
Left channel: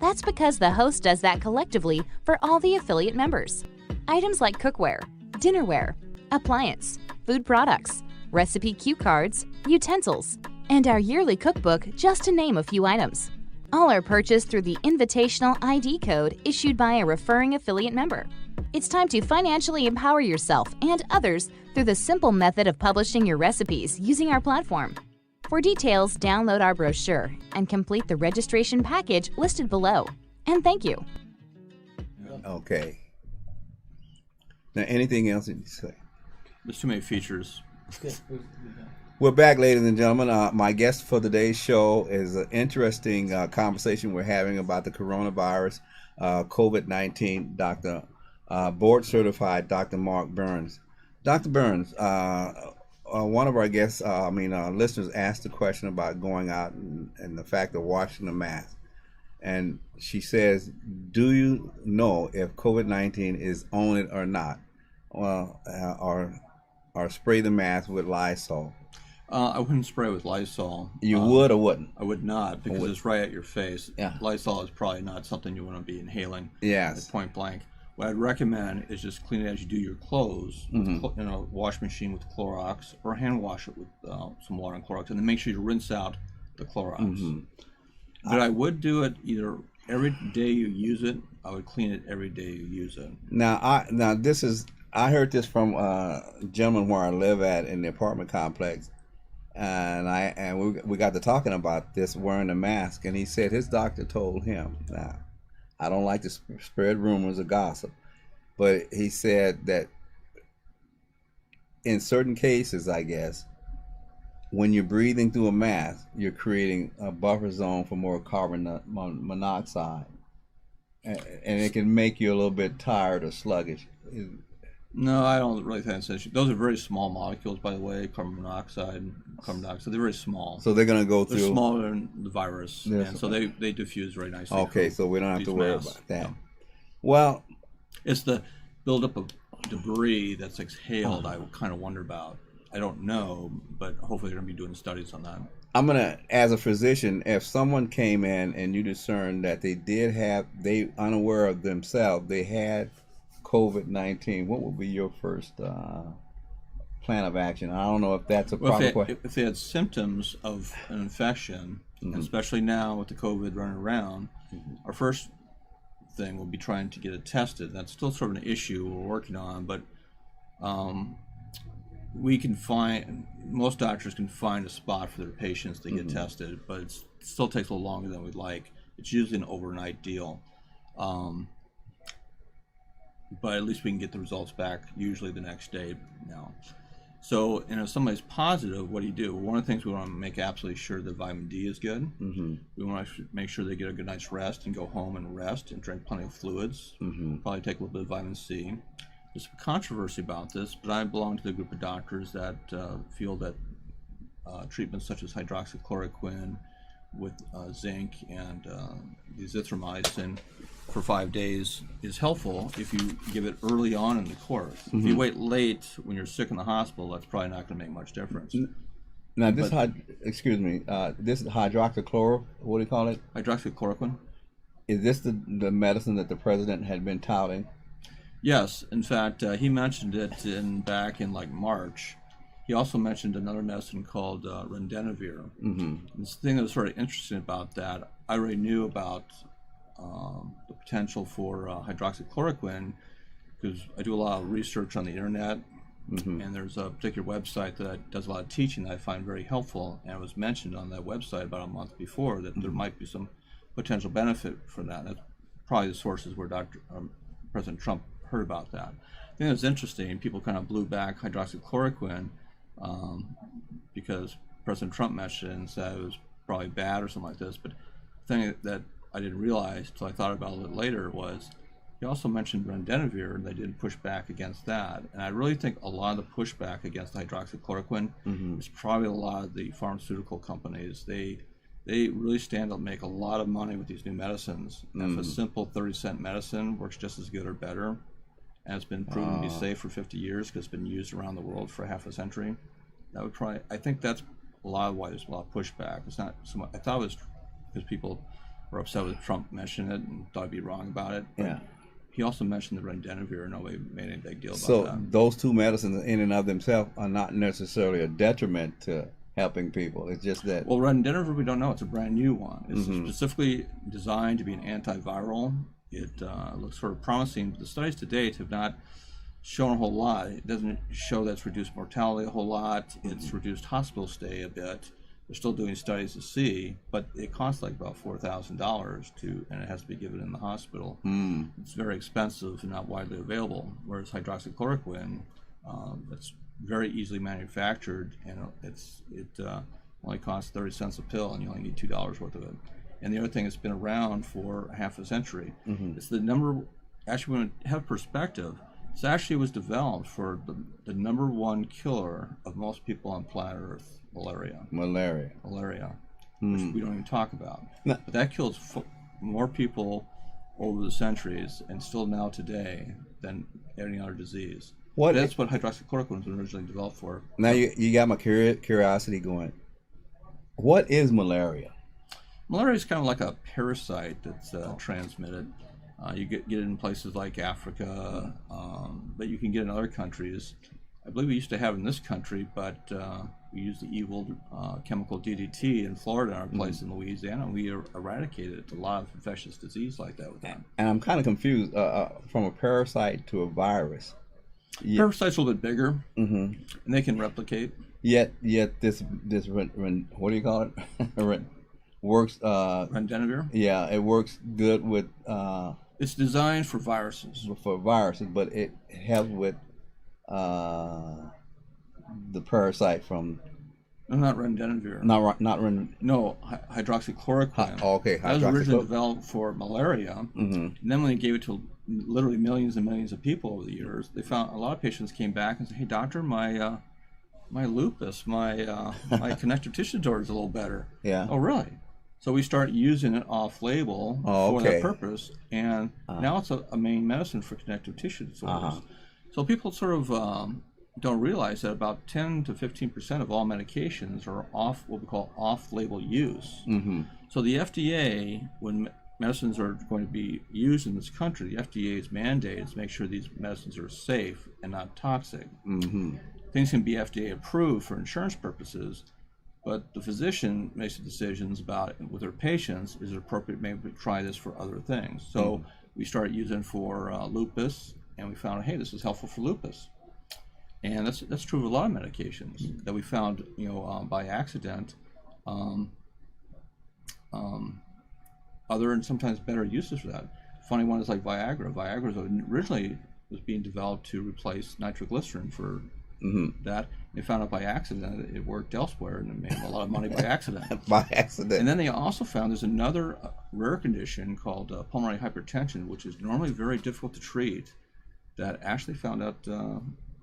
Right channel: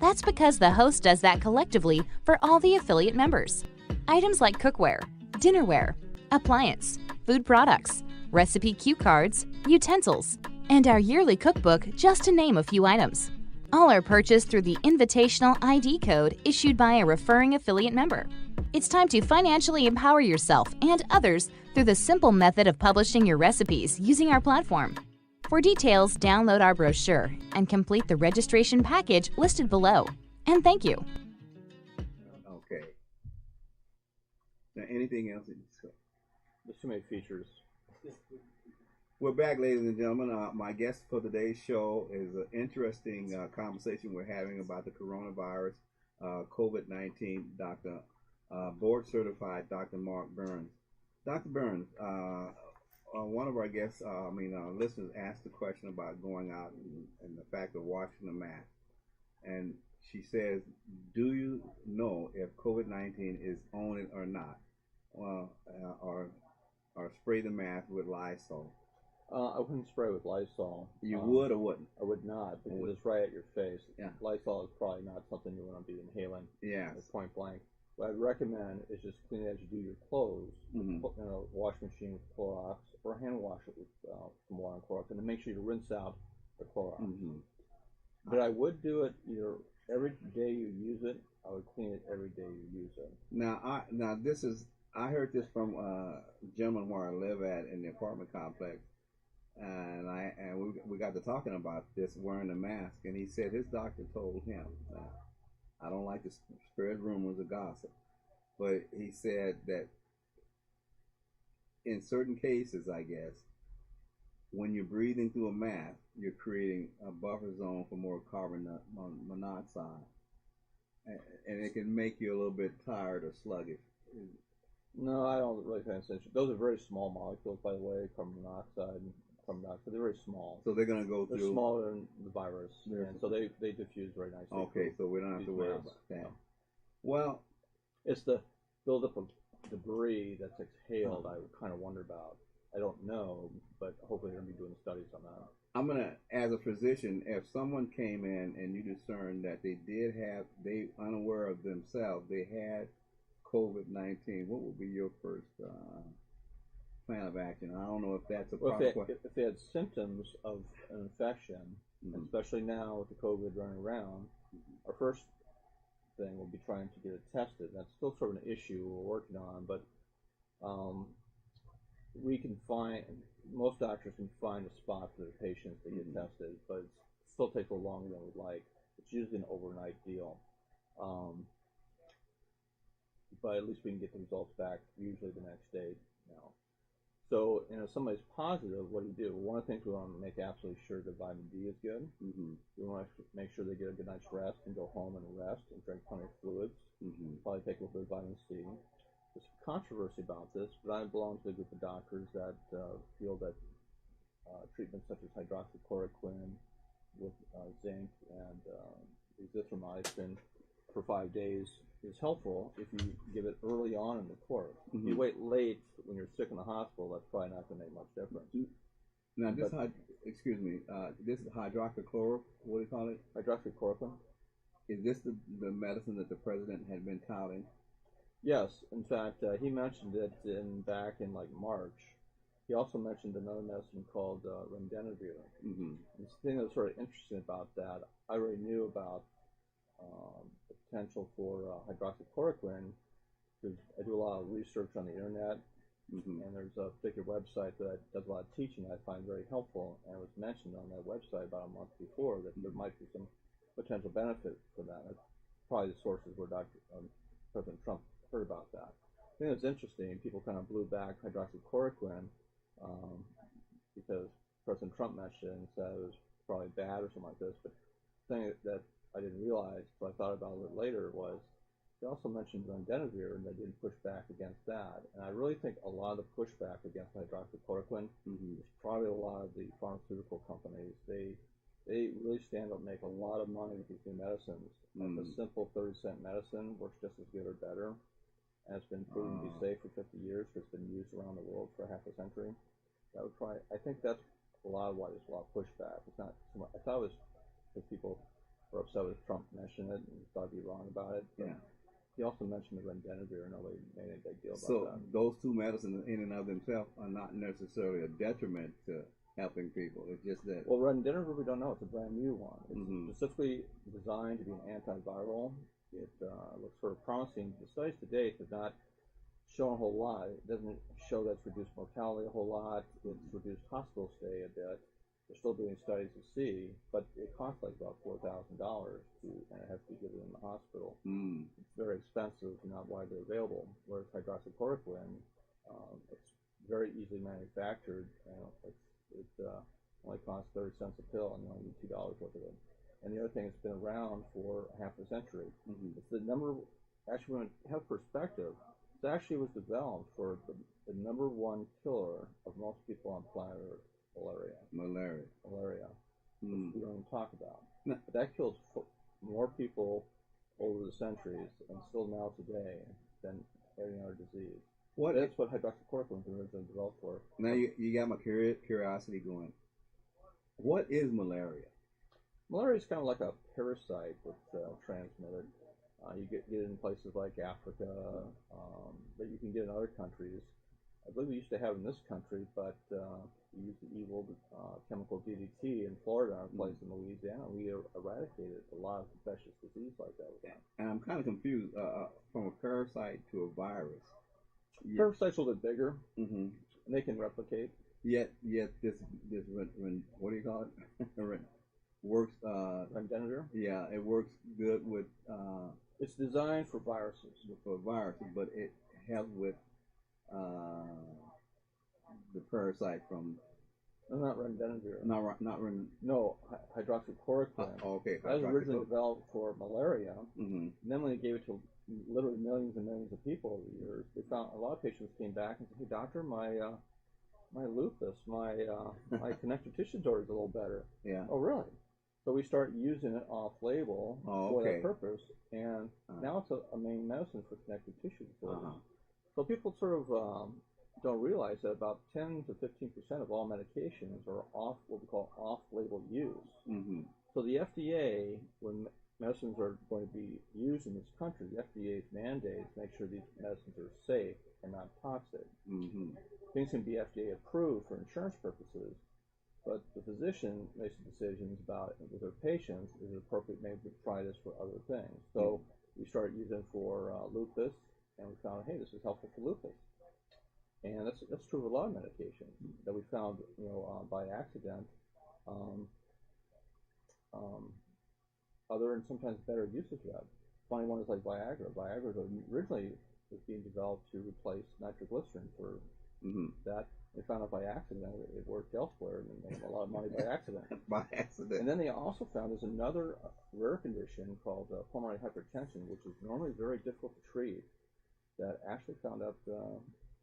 That's because the host does that collectively for all the affiliate members. Items like cookware, dinnerware, appliance, food products, recipe cue cards, utensils, and our yearly cookbook, just to name a few items. All are purchased through the invitational ID code issued by a referring affiliate member. It's time to financially empower yourself and others through the simple method of publishing your recipes using our platform. For details, download our brochure and complete the registration package listed below. And thank you. Okay. Now, anything else that you say? There's too many features. We're back, ladies and gentlemen. My guest for today's show is an interesting conversation we're having about the coronavirus, COVID-19, Dr. Board-certified Dr. Mark Burns. Dr. Burns, one of our guests, listeners asked a question about going out and the fact of washing the mask. And she says, do you know if COVID-19 is on it or not? Well, or spray the mask with Lysol? I wouldn't spray with Lysol. You would or wouldn't? I would not, because it's right at your face. Yeah. Lysol is probably not something you want to be inhaling. Yes. At point blank. What I'd recommend is just clean it as you do your clothes, with wash machine with Clorox, or hand wash it with some water and Clorox, and then make sure you rinse out the Clorox. But I would do it either every day you use it. I would clean it every day you use it. I heard this from a gentleman where I live at in the apartment complex. And we got to talking about this wearing a mask, and he said his doctor told him, now I don't like to spread rumors or gossip, but he said that in certain cases, I guess, when you're breathing through a mask, you're creating a buffer zone for more carbon monoxide, and it can make you a little bit tired or sluggish. No, I don't really think that's an issue. Those are very small molecules, by the way, carbon monoxide. They're very small. So they're going to go through. They're smaller than the virus, and so they diffuse very nicely. Okay, so we don't have to worry about that. No. Well, it's the buildup of debris that's exhaled I kind of wonder about. I don't know, but hopefully they're going to be doing studies on that. I'm going to, as a physician, if someone came in and you discern that they unaware of themselves, they had COVID-19, what would be your first plan of action? I don't know if that's a proper question. If they had symptoms of an infection, especially now with the COVID running around, our first thing will be trying to get it tested. That's still sort of an issue we're working on, but most doctors can find a spot for their patients to get tested, but it still takes a little longer than we'd like. It's usually an overnight deal. But at least we can get the results back usually the next day now. So, if somebody's positive, what do you do? One of the things we want to make absolutely sure that vitamin D is good. We want to make sure they get a good night's rest and go home and rest and drink plenty of fluids. Probably take a little bit of vitamin C. There's some controversy about this, but I belong to the group of doctors that feel that treatments such as hydroxychloroquine with zinc and the azithromycin for 5 days is helpful if you give it early on in the course. If you wait late when you're sick in the hospital, that's probably not going to make much difference. Now, this this is hydroxychloro. What do you call it? Hydroxychloroquine. Is this the medicine that the president had been touting? Yes, in fact, he mentioned it back in like March. He also mentioned another medicine called Remdesivir. And the thing that was sort of interesting about that, I already knew about the potential for hydroxychloroquine because I do a lot of research on the internet, and there's a particular website that does a lot of teaching that I find very helpful, and it was mentioned on that website about a month before that there might be some potential benefit from that. That's probably the sources where President Trump heard about that. I think it was interesting. People kind of blew back hydroxychloroquine because President Trump mentioned it and said it was probably bad or something like this. But the thing that I didn't realize until I thought about it a little later was he also mentioned Remdesivir, and they didn't push back against that. And I really think a lot of the pushback against hydroxychloroquine is probably a lot of the pharmaceutical companies. They really stand to make a lot of money with these new medicines. And if a simple 30-cent medicine works just as good or better, and it's been proven to be safe for 50 years because it's been used around the world for half a century, that would probably, I think that's a lot of why there's a lot of pushback. It's not so much, I thought it was because people were upset with Trump mentioning it and thought I'd be wrong about it. Yeah. He also mentioned the Remdesivir, and nobody made any big deal about So that. those two medicines in and of themselves are not necessarily a detriment to helping people. It's just that. Well, Remdesivir, we don't know. It's a brand new one. It's specifically designed to be an antiviral. It looks sort of promising. The studies to date have not shown a whole lot. It doesn't show that it's reduced mortality a whole lot. It's reduced hospital stay a bit. They're still doing studies to see, but it costs like about $4,000 and it has to be given in the hospital. It's very expensive and not widely available. Whereas hydroxychloroquine, it's very easily manufactured, and it only costs 30 cents a pill, and you only need $2 worth of it. And the other thing, it's been around for half a century. It's the number. Actually, when we have perspective, this actually was developed for the number one killer of most people on planet Earth. Malaria, which we don't even talk about. No. But that kills more people over the centuries and still now today than any other disease. That's what hydroxychloroquine was originally developed for. Now you got my curiosity going. What is malaria? Malaria is kind of like a parasite that's transmitted. You get it in places like Africa, but you can get it in other countries. I believe we used to have it in this country, but we used the evil chemical DDT in Florida, our place in Louisiana, and we eradicated a lot of infectious disease like that with that. And I'm kind of confused from a parasite to a virus. Parasites are a little bit bigger, and they can replicate. Yet this what do you call it? Works. Remdesivir. Yeah, it works good with. It's designed for viruses. For viruses, but it helps with the parasite from. No, not Remdesivir. No, hydroxychloroquine. Okay, that was originally developed for malaria, and then when they gave it to literally millions and millions of people over the years, they found a lot of patients came back and said, "Hey, doctor, my lupus, my connective tissue disorder is a little better." Yeah. Oh, really? So we start using it off-label for that purpose, and now it's a main medicine for connective tissue disorders. So people sort of don't realize that about 10 to 15% of all medications are what we call off-label use. So the FDA, when medicines are going to be used in this country, the FDA's mandate is to make sure these medicines are safe and not toxic. Things can be FDA approved for insurance purposes, but the physician makes the decisions about with their patients, is it appropriate maybe to try this for other things. So we started using for lupus, and we found, hey, this is helpful for lupus. And that's true of a lot of medications that we found, by accident, other and sometimes better uses for that. Funny one is like Viagra. Viagra originally was being developed to replace nitroglycerin for that. They found out by accident that it worked elsewhere, and it made a lot of money by accident. By accident. And then they also found there's another rare condition called pulmonary hypertension, which is normally very difficult to treat, that actually found out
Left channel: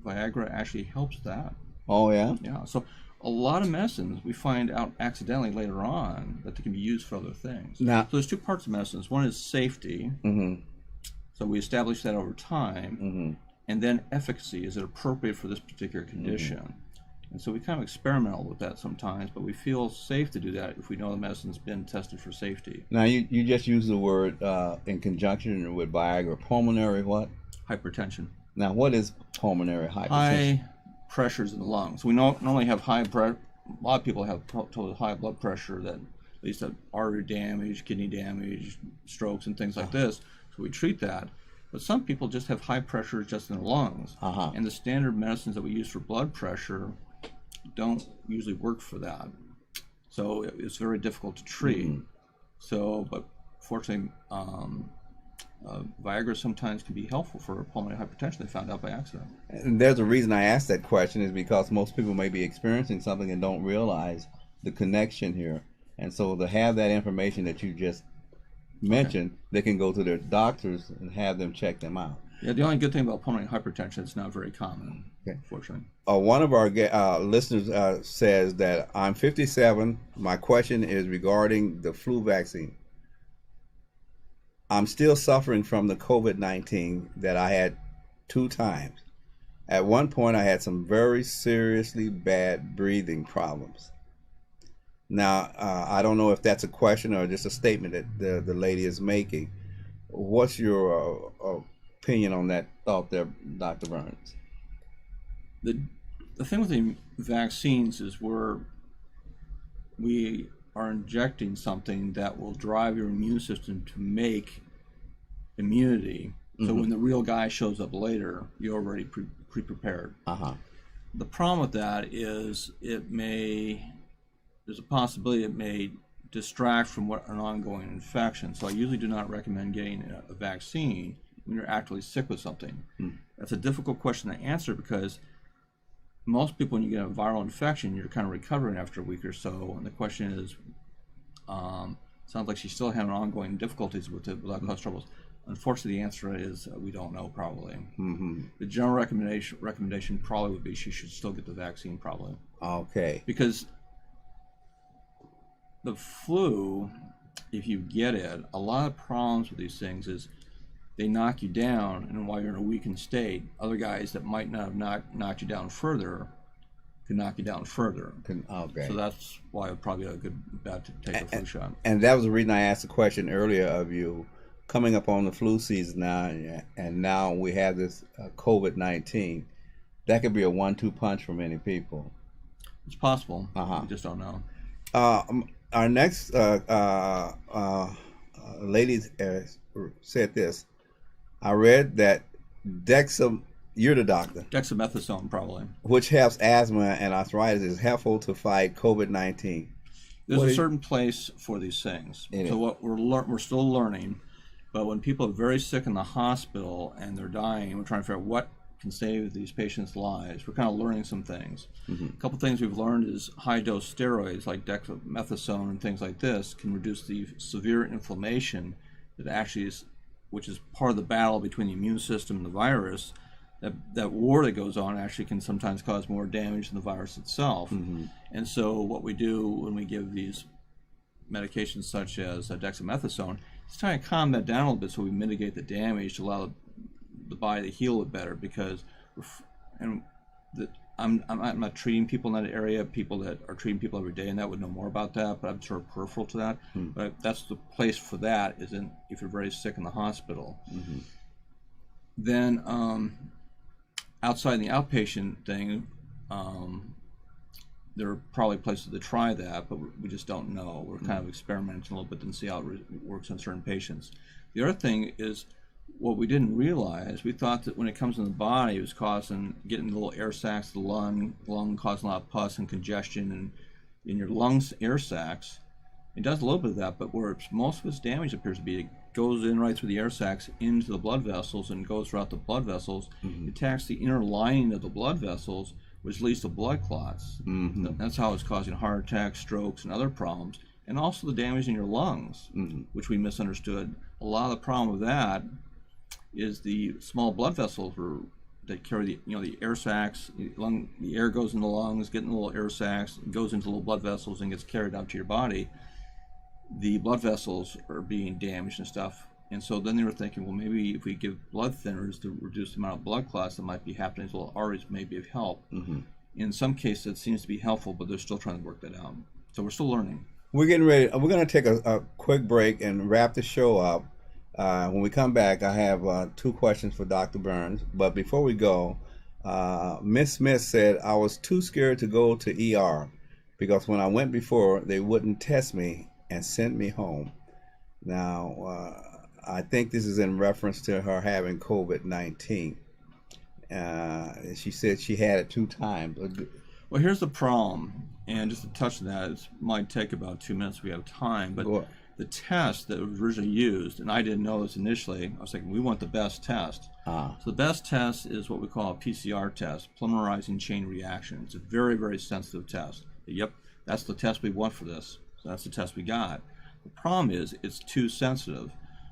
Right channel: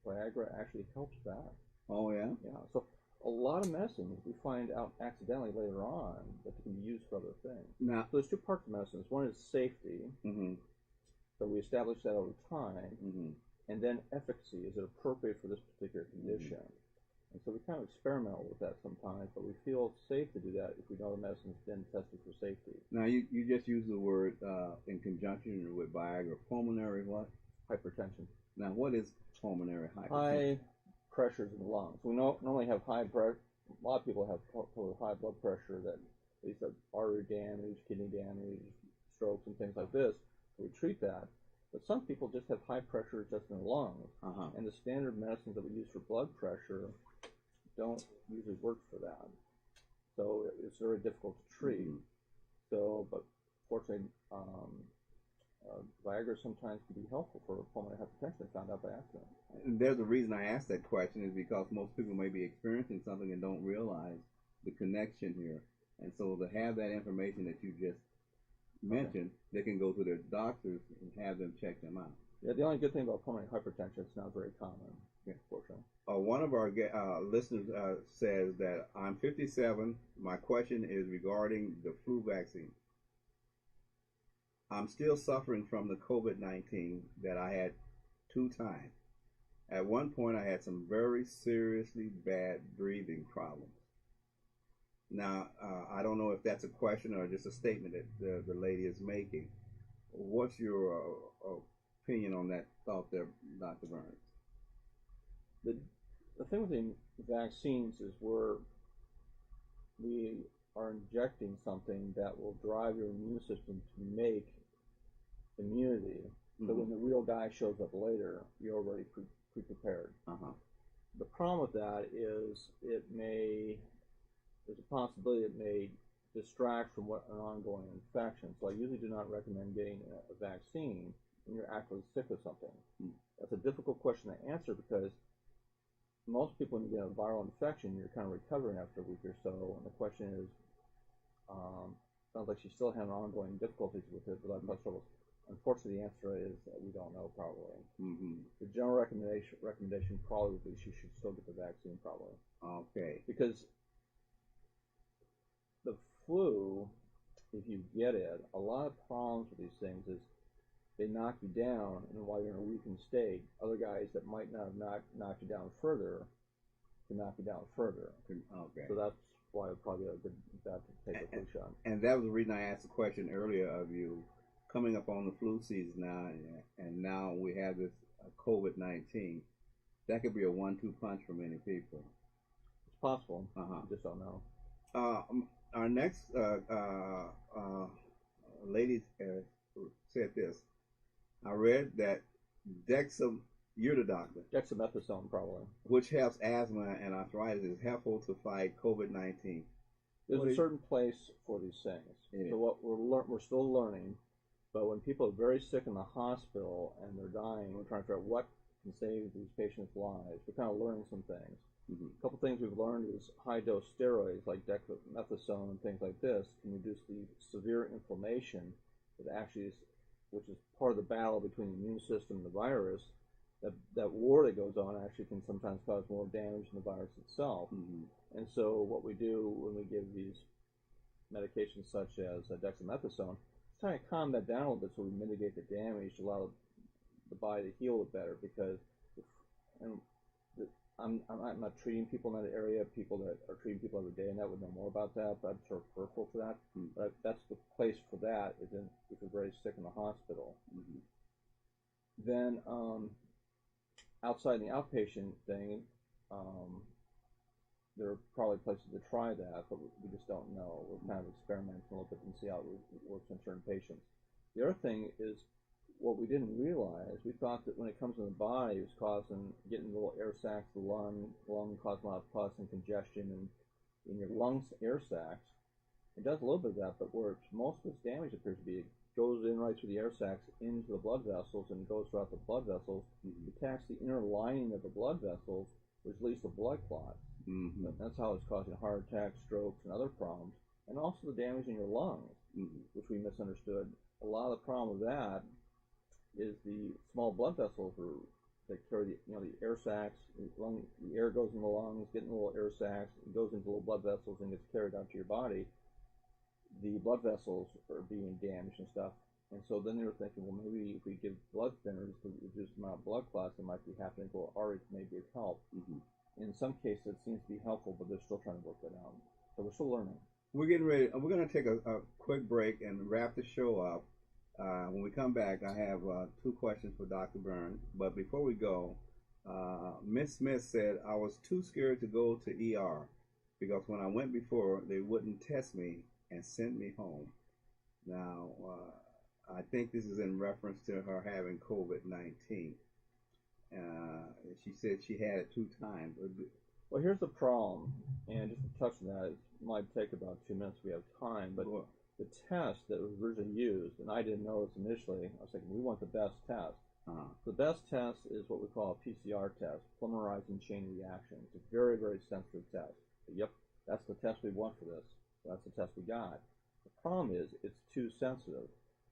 Viagra actually helps that. Oh, yeah? Yeah. So a lot of medicines we find out accidentally later on that they can be used for other things. Now, so there's two parts of medicines. One is safety. So we establish that over time. And then efficacy. Is it appropriate for this particular condition? And so we kind of experiment with that sometimes, but we feel safe to do that if we know the medicine's been tested for safety. Now, you just used the word in conjunction with Viagra, pulmonary what? Hypertension. Now, what is pulmonary hypertension? High pressures in the lungs. We normally have high pressure. A lot of people have totally high blood pressure that leads to artery damage, kidney damage, strokes, and things like this. So we treat that. But some people just have high pressure just in the lungs. And the standard medicines that we use for blood pressure don't usually work for that. So it's very difficult to treat. So, but fortunately, Viagra sometimes can be helpful for pulmonary hypertension. They found out by accident. And there's a reason I asked that question is because most people may be experiencing something and don't realize the connection here. And so to have that information that you just mentioned, they can go to their doctors and have them check them out. Yeah, the only good thing about pulmonary hypertension, it's not very common, fortunately. One of our listeners says that I'm 57. My question is regarding the flu vaccine. I'm still suffering from the COVID-19 that I had 2 times. At one point, I had some very seriously bad breathing problems. Now, I don't know if that's a question or just a statement that the lady is making. What's your opinion on that thought there, Dr. Burns? The thing with the vaccines is we are injecting something that will drive your immune system to make immunity. So when the real guy shows up later, you're already pre-prepared. The problem with that is there's a possibility it may distract from an ongoing infection. So I usually do not recommend getting a vaccine when you're actually sick with something. That's a difficult question to answer because most people, when you get a viral infection, you're kind of recovering after a week or so. And the question is, sounds like she's still having ongoing difficulties with the blood clot troubles. Unfortunately, the answer is we don't know probably. The general recommendation probably would be she should still get the vaccine probably. Okay. Because the flu, if you get it, a lot of problems with these things is they knock you down, and while you're in a weakened state, other guys that might not have knocked you down further can knock you down further. Okay. So that's why it's probably a good bet to take a flu shot. And that was the reason I asked the question earlier of you. Coming up on the flu season now, and now we have this COVID-19. That could be a 1-2 punch for many people. It's possible. We just don't know. Our next lady said this. I read that you're the doctor. Dexamethasone probably. Which helps asthma and arthritis, is helpful to fight COVID-19. There's a certain place for these things. So what we're still learning, but when people are very sick in the hospital and they're dying, we're trying to figure out what can save these patients' lives. We're kind of learning some things. A couple things we've learned is high-dose steroids like dexamethasone and things like this can reduce the severe inflammation that actually is, which is part of the battle between the immune system and the virus. That war that goes on actually can sometimes cause more damage than the virus itself. And so what we do when we give these medications such as dexamethasone is try to calm that down a little bit so we mitigate the damage to allow the body to heal it better, because I'm not treating people in that area, people that are treating people every day, and that would know more about that, but I'm sort of peripheral to that. But that's the place for that, is if you're very sick in the hospital. Then outside the outpatient thing, there are probably places to try that, but we just don't know. We're kind of experimenting a little bit and see how it works on certain patients. The other thing is, what we didn't realize, we thought that when it comes in the body, it was getting little air sacs to the lung causing a lot of pus and congestion, and in your lungs, air sacs. It does a little bit of that, but where most of its damage appears to be, it goes in right through the air sacs into the blood vessels and goes throughout the blood vessels. It attacks the inner lining of the blood vessels, which leads to blood clots. That's how it's causing heart attacks, strokes, and other problems, and also the damage in your lungs, which we misunderstood. A lot of the problem with that is the small blood vessels were that carry the air sacs. The air goes in the lungs, get in the little air sacs, goes into little blood vessels, and gets carried out to your body. The blood vessels are being damaged and stuff. And so then they were thinking, well, maybe if we give blood thinners to reduce the amount of blood clots that might be happening, so little arteries may be of help. In some cases, it seems to be helpful, but they're still trying to work that out. So we're still learning. We're getting ready. We're going to take a quick break and wrap the show up. When we come back, I have 2 questions for Dr. Burns. But before we go, Miss Smith said, I was too scared to go to ER because when I went before, they wouldn't test me and sent me home. Now, I think this is in reference to her having COVID-19. She said she had it 2 times. Well, here's the problem, and just to touch on that, it might take about 2 minutes if we have time, but the test that was originally used, and I didn't know this initially, I was thinking we want the best test. So the best test is what we call a Pcr test, polymerizing chain reaction. It's a very, very sensitive test. Yep, that's the test we want for this. So that's the test we got. The problem is it's too sensitive.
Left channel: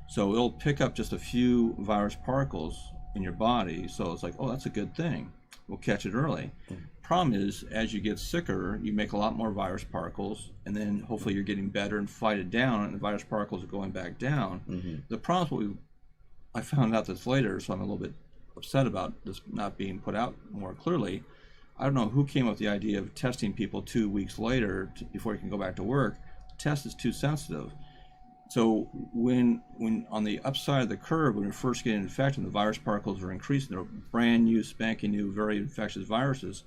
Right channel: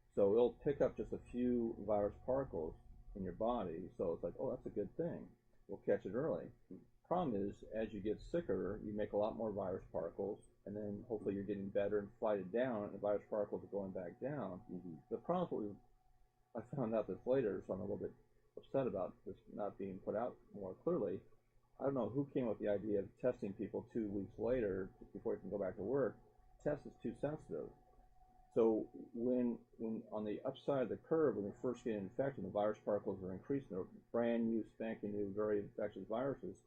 So it'll pick up just a few virus particles in your body. So it's like, oh, that's a good thing. We'll catch it early. Problem is, as you get sicker, you make a lot more virus particles, and then hopefully you're getting better and fight it down, and the virus particles are going back down. The problem is I found out this later, so I'm a little bit upset about this not being put out more clearly. I don't know who came up with the idea of testing people 2 weeks later before you can go back to work. The test is too sensitive. So when on the upside of the curve, when you're first getting infected, the virus particles are increasing. They're brand new, spanking new, very infectious viruses.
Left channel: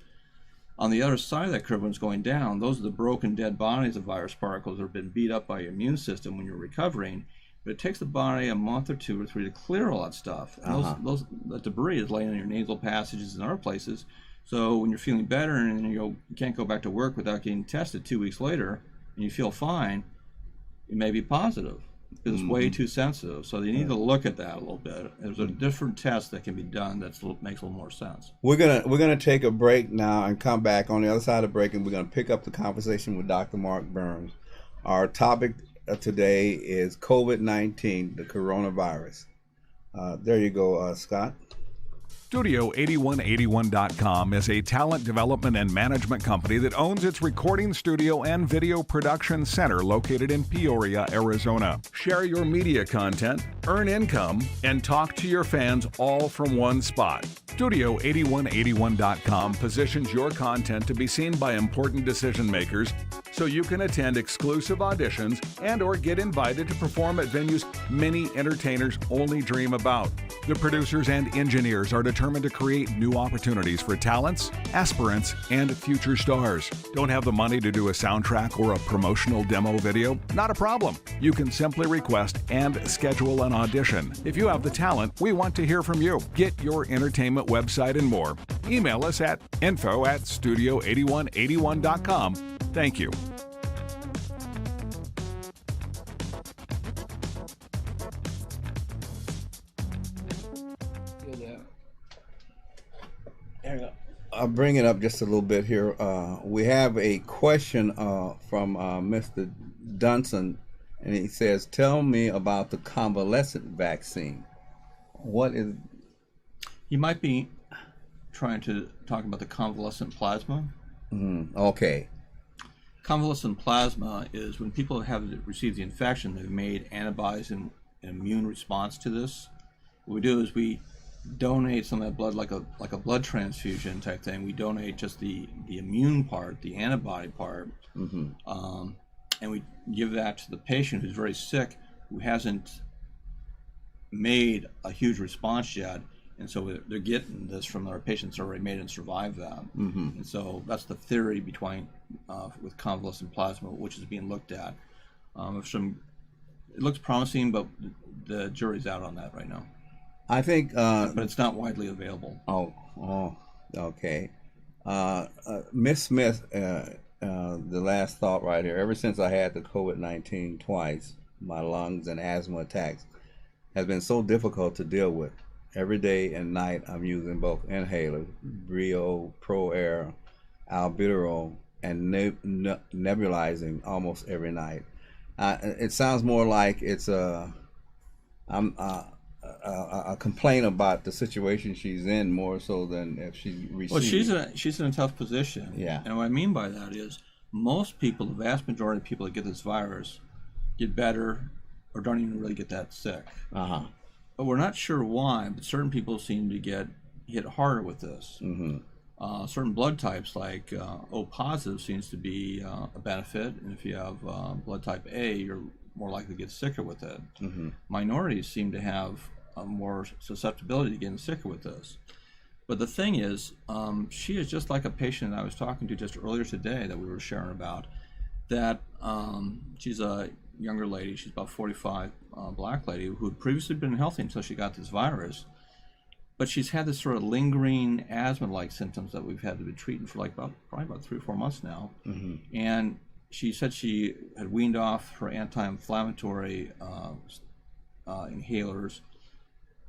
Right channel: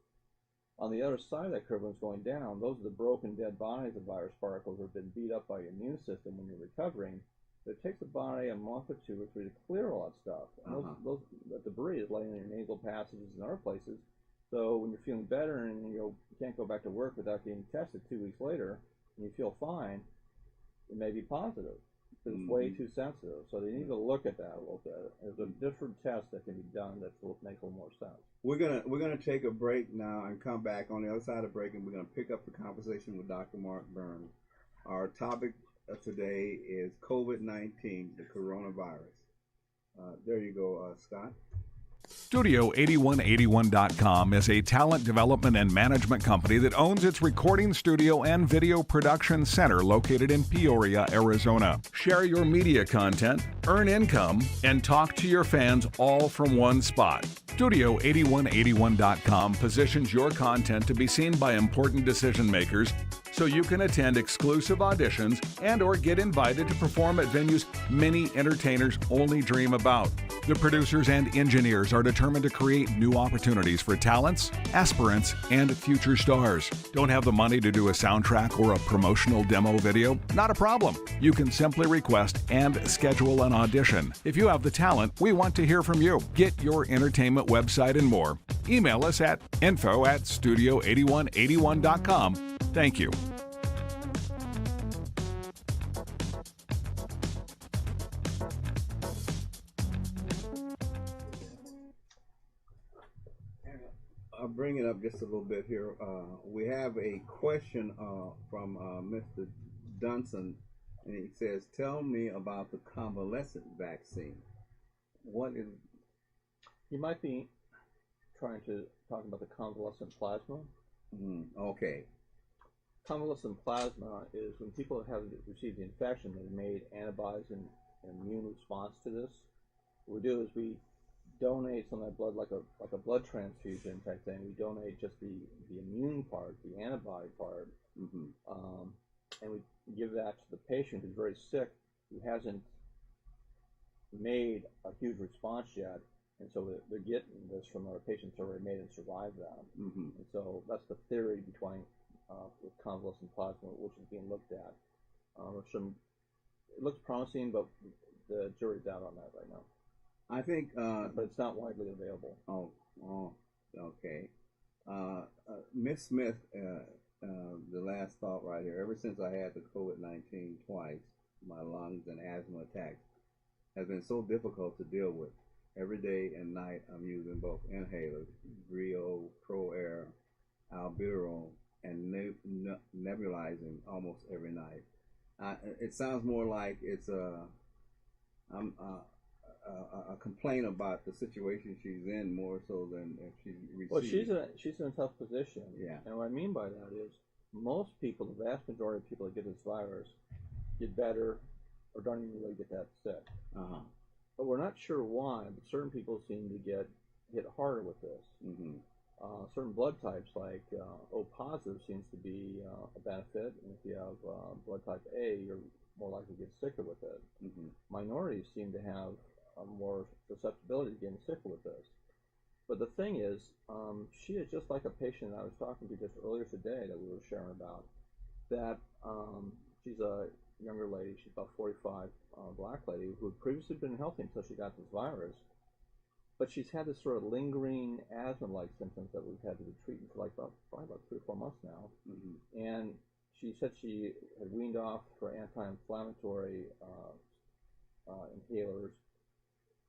On the other side of that curve, when it's going down, those are the broken, dead bodies of virus particles that have been beat up by your immune system when you're recovering. But it takes the body a month or 2 or 3 to clear all that stuff. And that debris is laying in your nasal passages and other places. So when you're feeling better and you can't go back to work without getting tested 2 weeks later, and you feel fine, it may be positive because it's way too sensitive. So they need to look at that a little bit. There's a different test that can be done that makes a little more sense. We're gonna take a break now and come back on the other side of the break, and we're gonna pick up the conversation with Dr. Mark Burns. Our topic today is COVID-19, the coronavirus. There you go, Scott. Studio8181.com is a talent development and management company that owns its recording studio and video production center located in Peoria, Arizona. Share your media content, earn income, and talk to your fans all from one spot. Studio8181.com positions your content to be seen by important decision makers so you can attend exclusive auditions and or get invited to perform at venues many entertainers only dream about. The producers and engineers are determined to create new opportunities for talents, aspirants, and future stars. Don't have the money to do a soundtrack or a promotional demo video? Not a problem. You can simply request and schedule an audition. If you have the talent, we want to hear from you. Get your entertainment website and more. Email us at info@studio8181.com. Thank you. I'll bring it up just a little bit here. We have a question from Mr. Dunson, and he says, tell me about the convalescent vaccine. What is... You might be trying to talk about the convalescent plasma. Okay. Convalescent plasma is when people have received the infection, they've made antibodies and immune response to this. What we do is we donate some of that blood like a blood transfusion type thing. We donate just the immune part, the antibody part, and we give that to the patient who's very sick, who hasn't made a huge response yet, and so they're getting this from our patients who already made and survived that. And so that's the theory with convalescent plasma, which is being looked at. It looks promising, but the jury's out on that right now. I think, but it's not widely available. Okay. Miss Smith, the last thought right here. Ever since I had the COVID-19 twice, my lungs and asthma attacks has been so difficult to deal with. Every day and night, I'm using both inhalers, Brio, Pro Air, albuterol, and nebulizing almost every night. It sounds more like it's a complaint about the situation she's in more so than if she received. Well, she's in a tough position. Yeah. And what I mean by that is most people, the vast majority of people that get this virus, get better or don't even really get that sick. Uh-huh. But we're not sure why, but certain people seem to get hit harder with this. Mm-hmm. Certain blood types like O positive seems to be a benefit, and if you have blood type A, you're more likely to get sicker with it. Mm-hmm. Minorities seem to have more susceptibility to getting sicker with this. But the thing is, she is just like a patient that I was talking to just earlier today that we were sharing about, that she's a younger lady, she's about 45, black lady, who had previously been healthy until she got this virus. But she's had this sort of lingering asthma-like symptoms that we've had to be treating for like probably about 3 or 4 months now. Mm-hmm. And she said she had weaned off her anti-inflammatory inhalers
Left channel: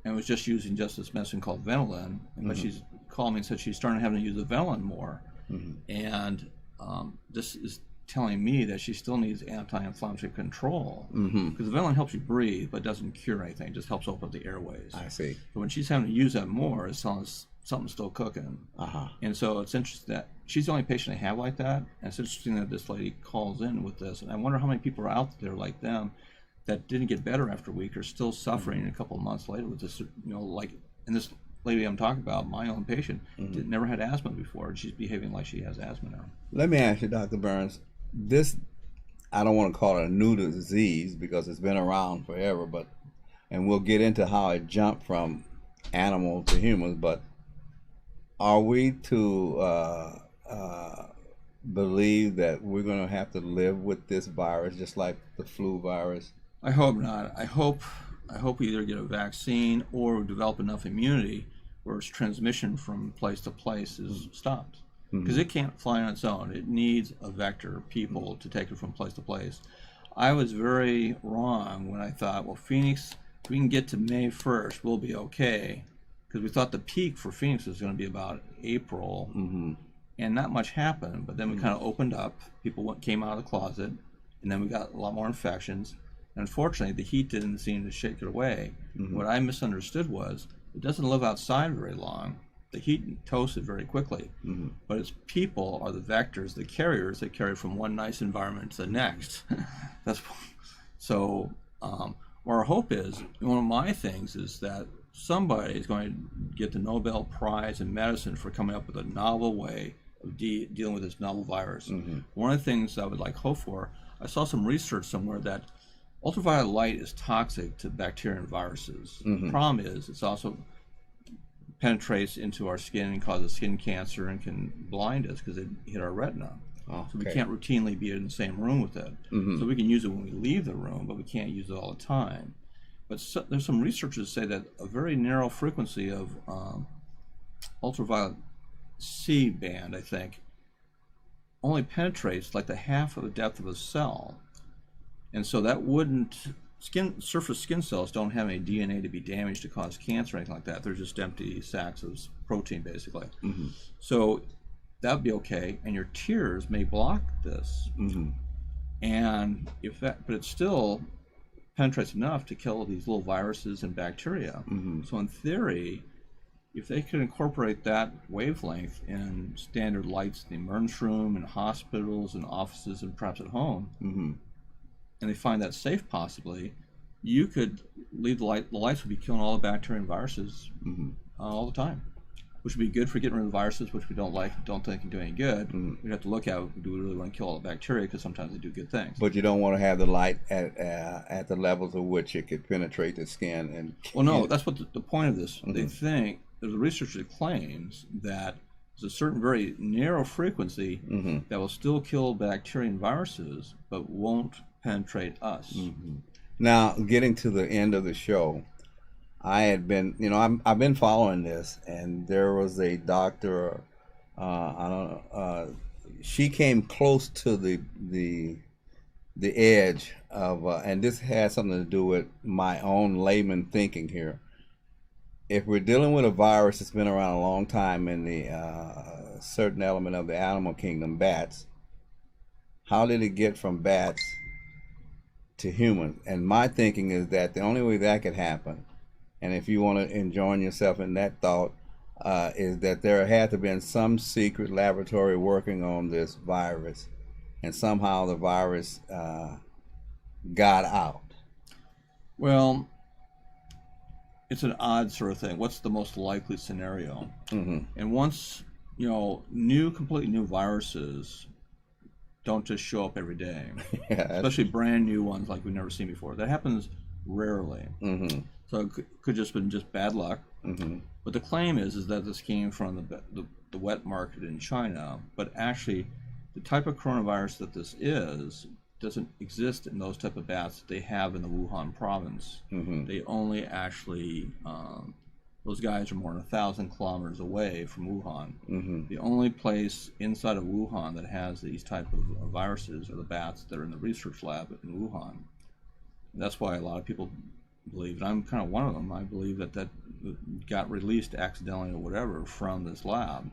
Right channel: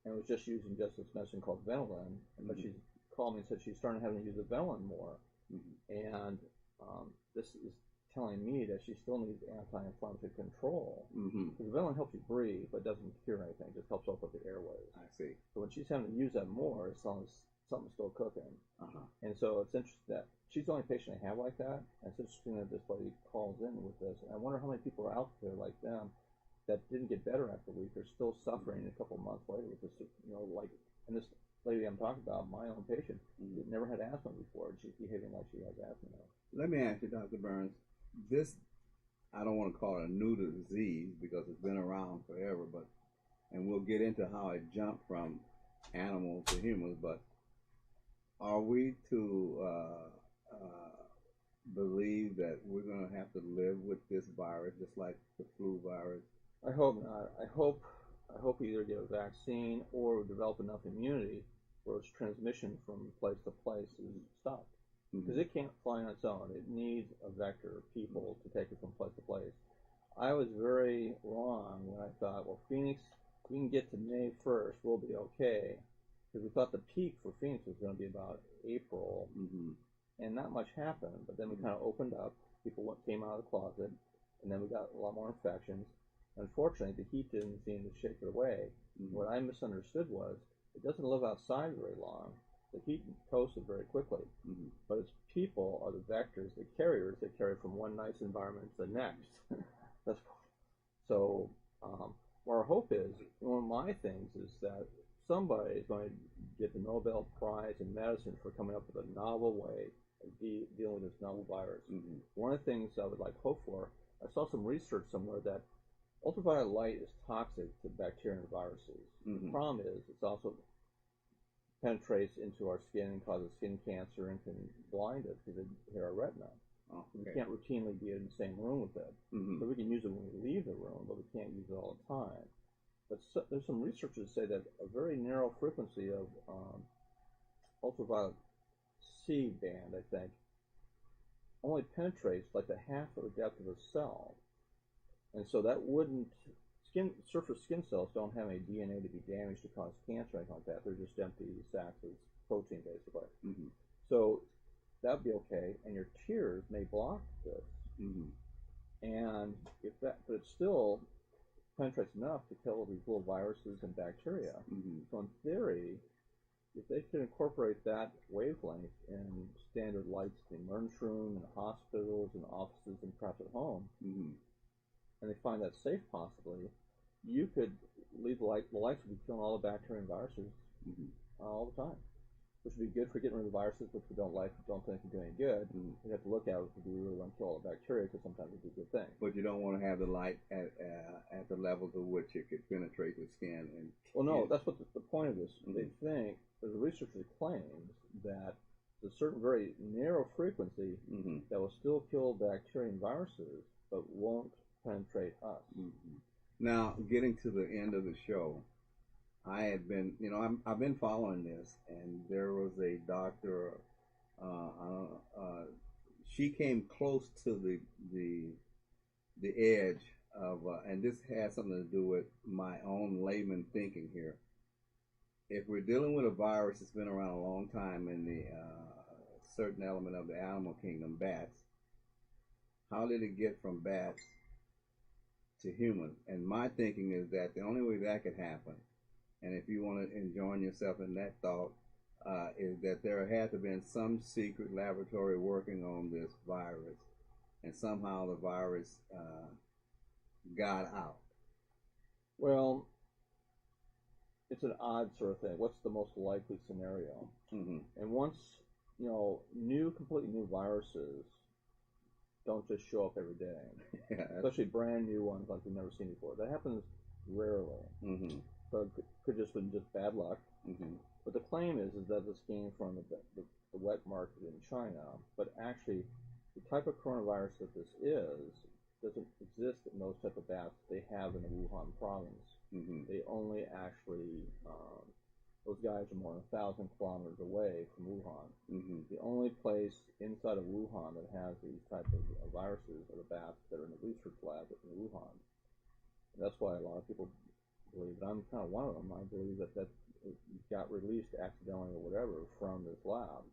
and was just using just this medicine called Ventolin. But she's called me and said she's starting having to use the Ventolin more. Mm-hmm. And this is telling me that she still needs anti-inflammatory control, because the Ventolin helps you breathe but doesn't cure anything, it just helps open up the airways. I see. So when she's having to use that more, it's telling us something's still cooking. And so it's interesting that she's the only patient I have like that, and it's interesting that this lady calls in with this, and I wonder how many people are out there like them that didn't get better after a week are still suffering a couple of months later with this, like, and this lady I'm talking about, my own patient, never had asthma before, and she's behaving like she has asthma now. Let me ask you, Dr. Burns, this, I don't want to call it a new disease because it's been around forever, and we'll get into how it jumped from animal to humans, but are we to believe that we're going to have to live with this virus just like the flu virus? I hope not. I hope we either get a vaccine or develop enough immunity where its transmission from place to place is stopped. Because it can't fly on its own. It needs a vector, people, to take it from place to place. I was very wrong when I thought, well, Phoenix, if we can get to May 1st, we'll be okay. Because we thought the peak for Phoenix was going to be about April, and not much happened. But then we kind of opened up. People came out of the closet, and then we got a lot more infections. And unfortunately, the heat didn't seem to shake it away. What I misunderstood was it doesn't live outside very long. The heat toasts it very quickly, but its people are the vectors, the carriers that carry from one nice environment to the next. So our hope is, one of my things is that somebody is going to get the Nobel Prize in medicine for coming up with a novel way of dealing with this novel virus. One of the things I would like hope for, I saw some research somewhere that ultraviolet light is toxic to bacteria and viruses. The problem is it's also penetrates into our skin and causes skin cancer and can blind us because it hit our retina. So we can't routinely be in the same room with it. So we can use it when we leave the room, but we can't use it all the time. But there's some researchers say that a very narrow frequency of ultraviolet C band, I think, only penetrates like the half of the depth of a cell. And so that wouldn't, surface skin cells don't have any DNA to be damaged to cause cancer or anything like that. They're just empty sacks of protein, basically. So that would be okay, and your tears may block this. And but it still penetrates enough to kill these little viruses and bacteria. So in theory, if they could incorporate that wavelength in standard lights in the emergency room, in hospitals and offices and perhaps at home, and they find that safe possibly, you could leave the lights would be killing all the bacteria and viruses all the time, which would be good for getting rid of the viruses, which we don't think can do any good. We'd have to look at, do we really want to kill all the bacteria, because sometimes they do good things. But you don't want to have the light at the levels of which it could penetrate the skin. And well, no, that's what the point of this. They think, there's a researcher that claims that there's a certain very narrow frequency that will still kill bacteria and viruses, but won't penetrate us. Now, getting to the end of the show, I had been, I've been following this, and there was a doctor, she came close to the edge of, and this has something to do with my own layman thinking here. If we're dealing with a virus that's been around a long time in the certain element of the animal kingdom, bats, how did it get from bats to humans? And my thinking is that the only way that could happen and if you want to enjoin yourself in that thought, is that there had to have been some secret laboratory working on this virus, and somehow the virus got out. Well, it's an odd sort of thing. What's the most likely scenario? And once, completely new viruses don't just show up every day, especially brand new ones like we've never seen before. That happens rarely. So it could just been just bad luck. But the claim is that this came from the wet market in China, but actually the type of coronavirus that this is doesn't exist in those type of bats that they have in the Wuhan province. They only actually, those guys are more than 1,000 kilometers away from Wuhan. The only place inside of Wuhan that has these type of viruses are the bats that are in the research lab in Wuhan. And that's why a lot of people believe, and I'm kind of one of them, I believe that got released accidentally or whatever from this lab.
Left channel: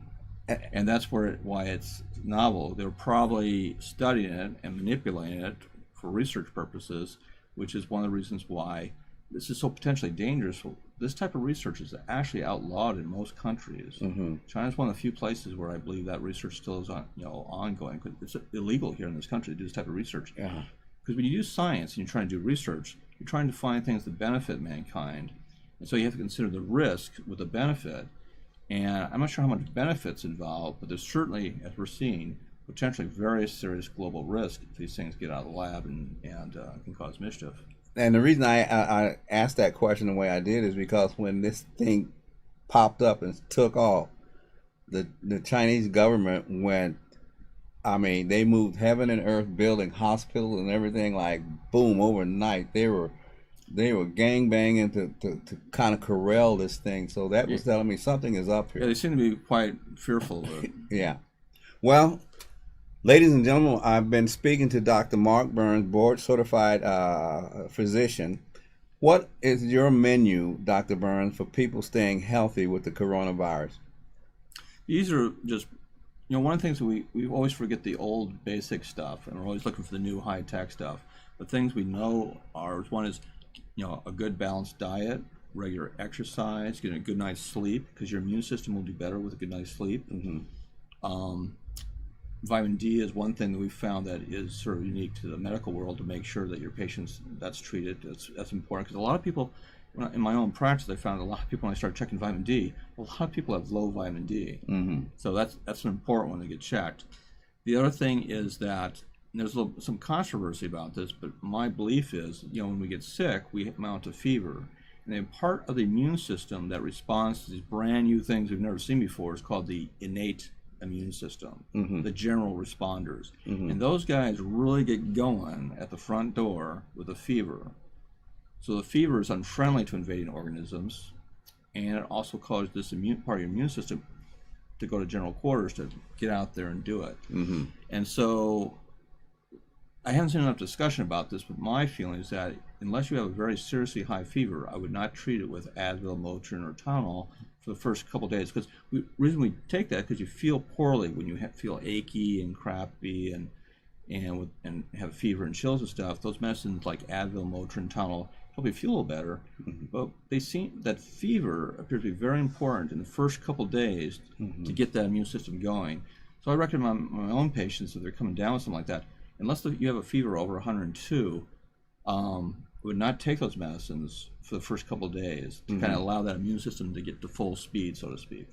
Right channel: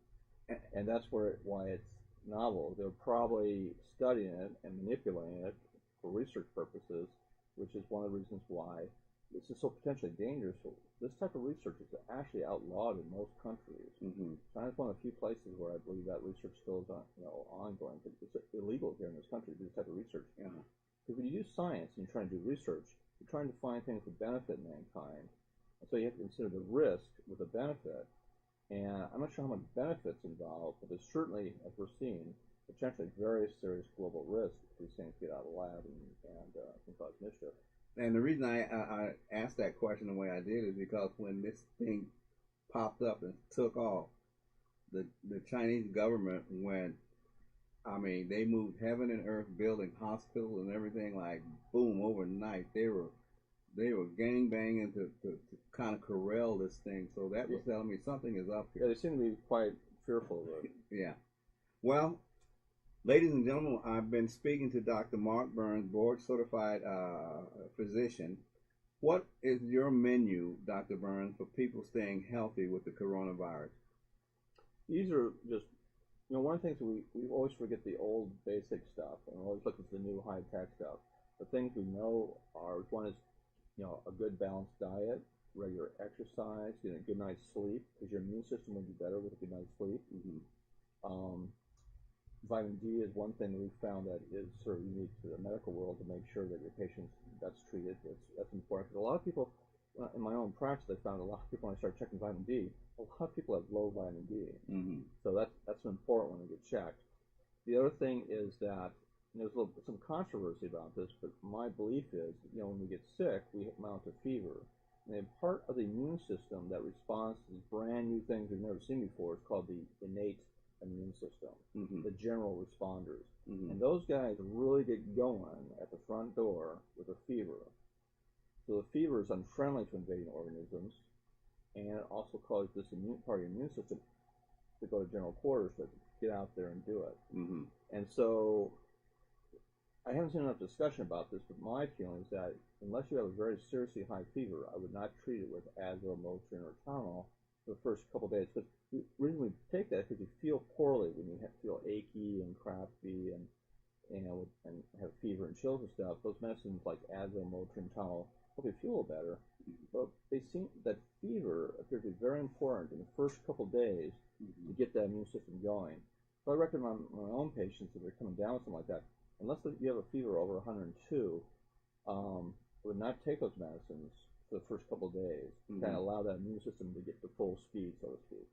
And that's why it's novel. They were probably studying it and manipulating it for research purposes, which is one of the reasons why this is so potentially dangerous. This type of research is actually outlawed in most countries. China's one of the few places where I believe that research still is ongoing. It's illegal here in this country to do this type of research. Because when you do science and you're trying to do research, you're trying to find things that benefit mankind. And so you have to consider the risk with the benefit. And I'm not sure how much benefits involved, but there's certainly, as we're seeing, potentially very serious global risk if these things get out of the lab and can cause mischief. And the reason I asked that question the way I did is because when this thing popped up and took off, the Chinese government went, they moved heaven and earth, building hospitals and everything, like boom, overnight. They were gangbanging to kind of corral this thing. So that was telling me something is up here. Yeah, they seem to be quite fearful of it. Yeah. Well, ladies and gentlemen, I've been speaking to Dr. Mark Burns, board-certified physician. What is your menu, Dr. Burns, for people staying healthy with the coronavirus? These are just, one of the things that we always forget the old basic stuff, and we're always looking for the new high-tech stuff. The things we know are, one is, a good balanced diet, regular exercise, getting a good night's sleep, because your immune system will do better with a good night's sleep. Vitamin D is one thing that we've found that is sort of unique to the medical world, to make sure that your patients, that's treated. That's important, because a lot of people, in my own practice, I found a lot of people, when I started checking vitamin D, a lot of people have low vitamin D. So that's an important one to get checked. The other thing is that, and there's some controversy about this, but my belief is, when we get sick, we mount a fever. And then part of the immune system that responds to these brand new things we've never seen before is called the innate immune system, the general responders. And those guys really get going at the front door with a fever. So the fever is unfriendly to invading organisms, and it also causes this part of your immune system to go to general quarters to get out there and do it. And so I haven't seen enough discussion about this, but my feeling is that unless you have a very seriously high fever, I would not treat it with Advil, Motrin, or Tylenol for the first couple of days. Because the reason we take that, because you feel poorly when you feel achy and crappy and have fever and chills and stuff. Those medicines like Advil, Motrin, Tylenol help you feel a little better. But they seem that fever appears to be very important in the first couple of days to get that immune system going. So I recommend my own patients, if they're coming down with something like that, unless you have a fever over 102, would not take those medicines for the first couple of days to kind of allow that immune system to get to full speed, so to speak.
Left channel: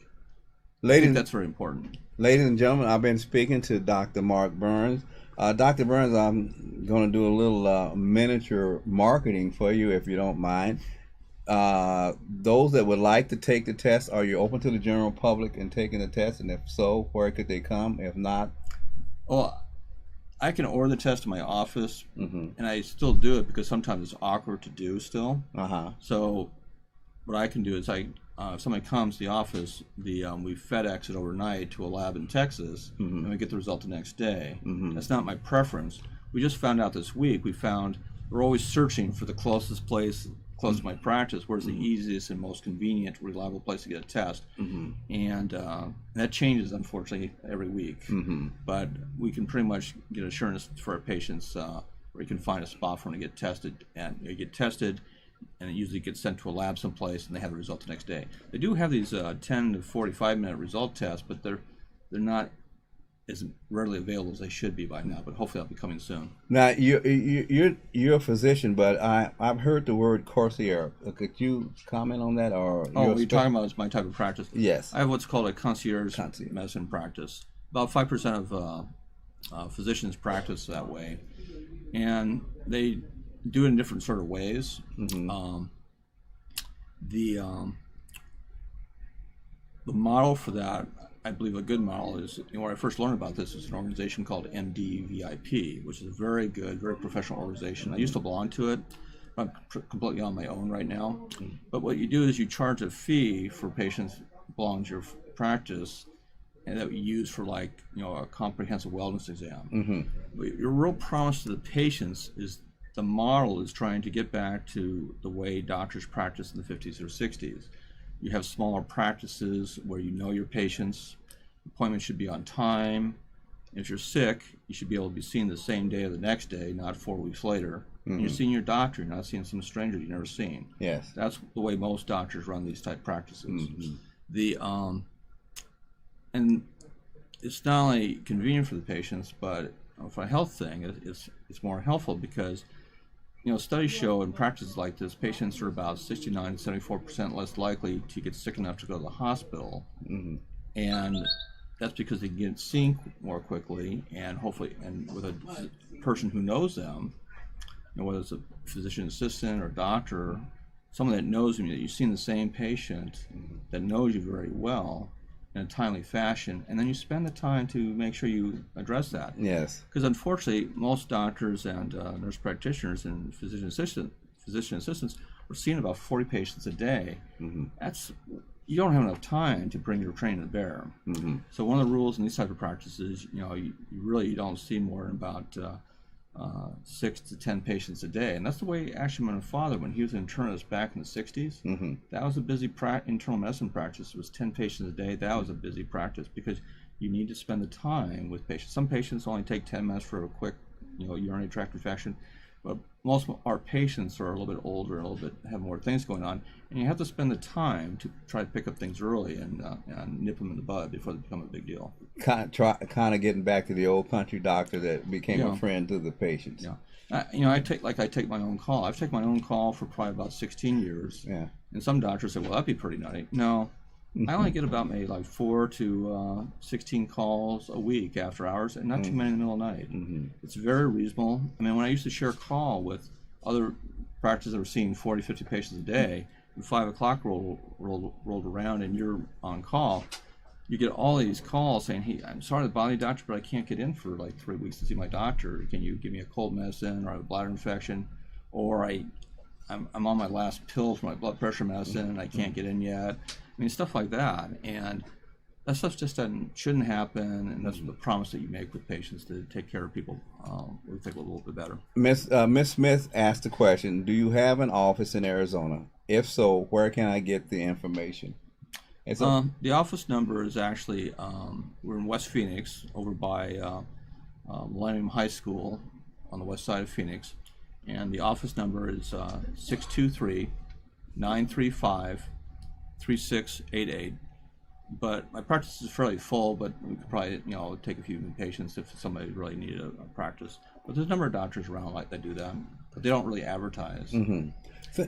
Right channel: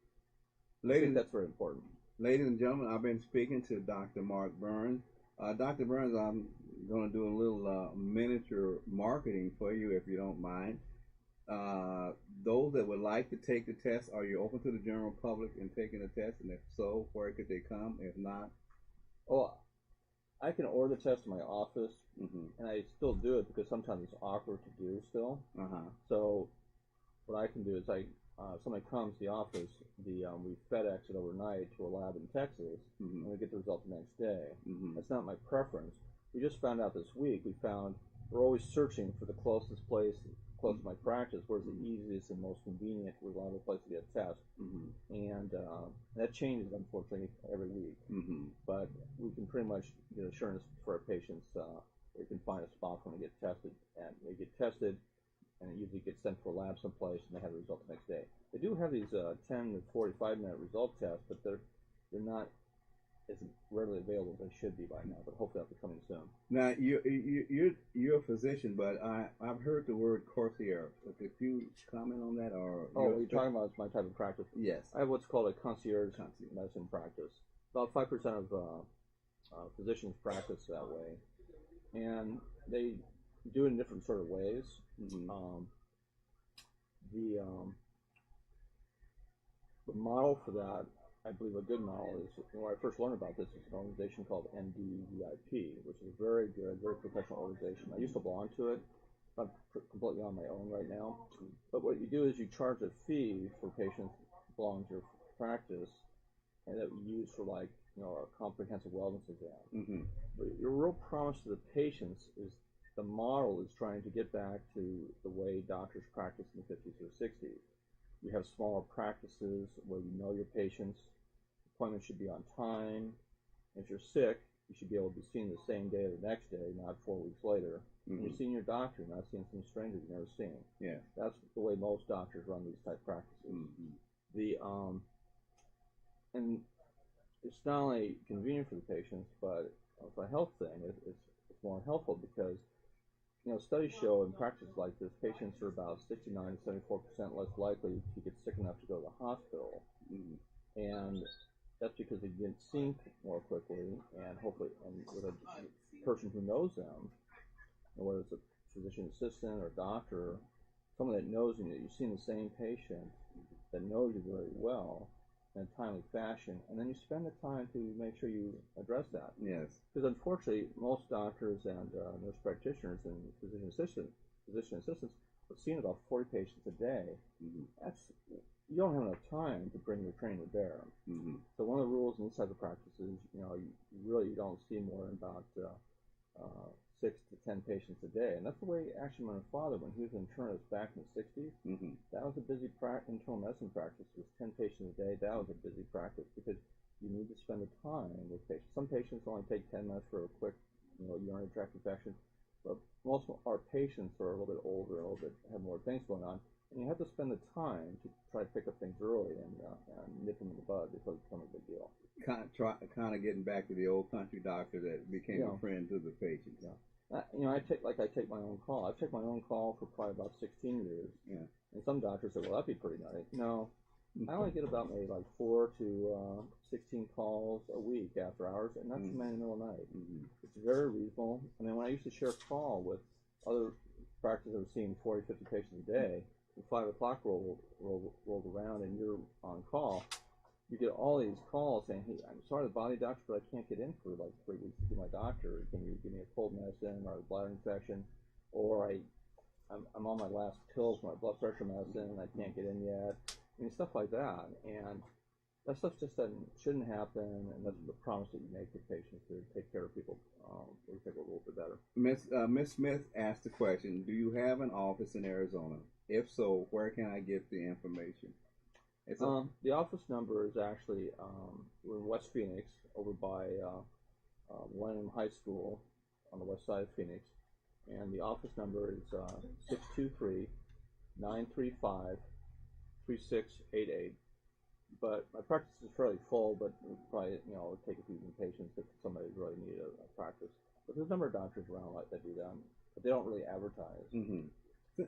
I think that's very important. Ladies and gentlemen, I've been speaking to Dr. Mark Burns. Dr. Burns, I'm going to do a little miniature marketing for you, if you don't mind. Those that would like to take the test, are you open to the general public in taking the test? And if so, where could they come? If not? Well, I can order the test in my office, and I still do it because sometimes it's awkward to do still. So what I can do is if somebody comes to the office, we FedEx it overnight to a lab in Texas, and we get the result the next day. That's not my preference. We just found out this week, we're always searching for the closest place, close to my practice, where's the easiest and most convenient, reliable place to get a test. And that changes, unfortunately, every week. But we can pretty much get assurance for our patients where you can find a spot for them to get tested. And you get tested, and it usually gets sent to a lab someplace, and they have the result the next day. They do have these 10 to 45-minute result tests, but they're not as readily available as they should be by now. But hopefully, that'll be coming soon. Now you're a physician, but I've heard the word concierge. Could you comment on that? Or you're talking about my type of practice? Yes. I have what's called a concierge medicine practice. About 5% of physicians practice that way, and they do it in different sort of ways. Mm-hmm. The model for that, I believe a good model is, when I first learned about this, is an organization called MDVIP, which is a very good, very professional organization. I used to belong to it. I'm completely on my own right now. Mm-hmm. But what you do is you charge a fee for patients belonging to your practice, and that we use for, like, a comprehensive wellness exam. Mm-hmm. But your real promise to the patients is the model is trying to get back to the way doctors practiced in the 50s or 60s. You have smaller practices where you know your patients. Appointments should be on time. If you're sick, you should be able to be seen the same day or the next day, not 4 weeks later. Mm-hmm. And you're seeing your doctor, you're not seeing some stranger you've never seen. Yes. That's the way most doctors run these type practices. Mm-hmm. And it's not only convenient for the patients, but for a health thing, it's more helpful because, studies show in practices like this, patients are about 69 to 74% less likely to get sick enough to go to the hospital. Mm-hmm. And that's because they can get seen more quickly, and hopefully, and with a person who knows them, whether it's a physician assistant or doctor, someone that knows you, that you've seen the same patient, that knows you very well in a timely fashion, and then you spend the time to make sure you address that. Yes. Because unfortunately, most doctors and nurse practitioners and physician assistants are seeing about 40 patients a day. Mm-hmm. You don't have enough time to bring your training to bear. Mm-hmm. So one of the rules in these type of practices, you really don't see more than about 6 to 10 patients a day. And that's the way actually my father, when he was an internist back in the 60s, mm-hmm. that was a busy internal medicine practice. It was 10 patients a day. That was a busy practice because you need to spend the time with patients. Some patients only take 10 minutes for a quick urinary tract infection. But most of our patients are a little bit older, have more things going on, and you have to spend the time to try to pick up things early and nip them in the bud before they become a big deal. Kind of getting back to the old country doctor that became a friend to the patients. Yeah, I take my own call. I've taken my own call for probably about 16 years. Yeah. And some doctors say, well, that'd be pretty nutty. No. I only get about maybe like 4 to 16 calls a week after hours, and not too many in the middle of the night. Mm-hmm. It's very reasonable. I mean, when I used to share a call with other practices that were seeing 40, 50 patients a day, and 5 o'clock rolled around and you're on call, you get all these calls saying, hey, I'm sorry to bother you, doctor, but I can't get in for like 3 weeks to see my doctor. Can you give me a cold medicine, or I have a bladder infection, or I'm on my last pill for my blood pressure medicine and I can't get in yet. I mean, stuff like that, and that stuff just shouldn't happen, and that's the promise that you make with patients to take care of people. We'll take a little bit better. Miss Smith asked the question, do you have an office in Arizona? If so, where can I get the information? The office number is actually, we're in West Phoenix, over by Millennium High School on the west side of Phoenix, and the office number is 623-935-3688. But my practice is fairly full, but we could probably take a few new patients if somebody really needed a practice. But there's a number of doctors around that do that, but they don't really advertise. Mm-hmm.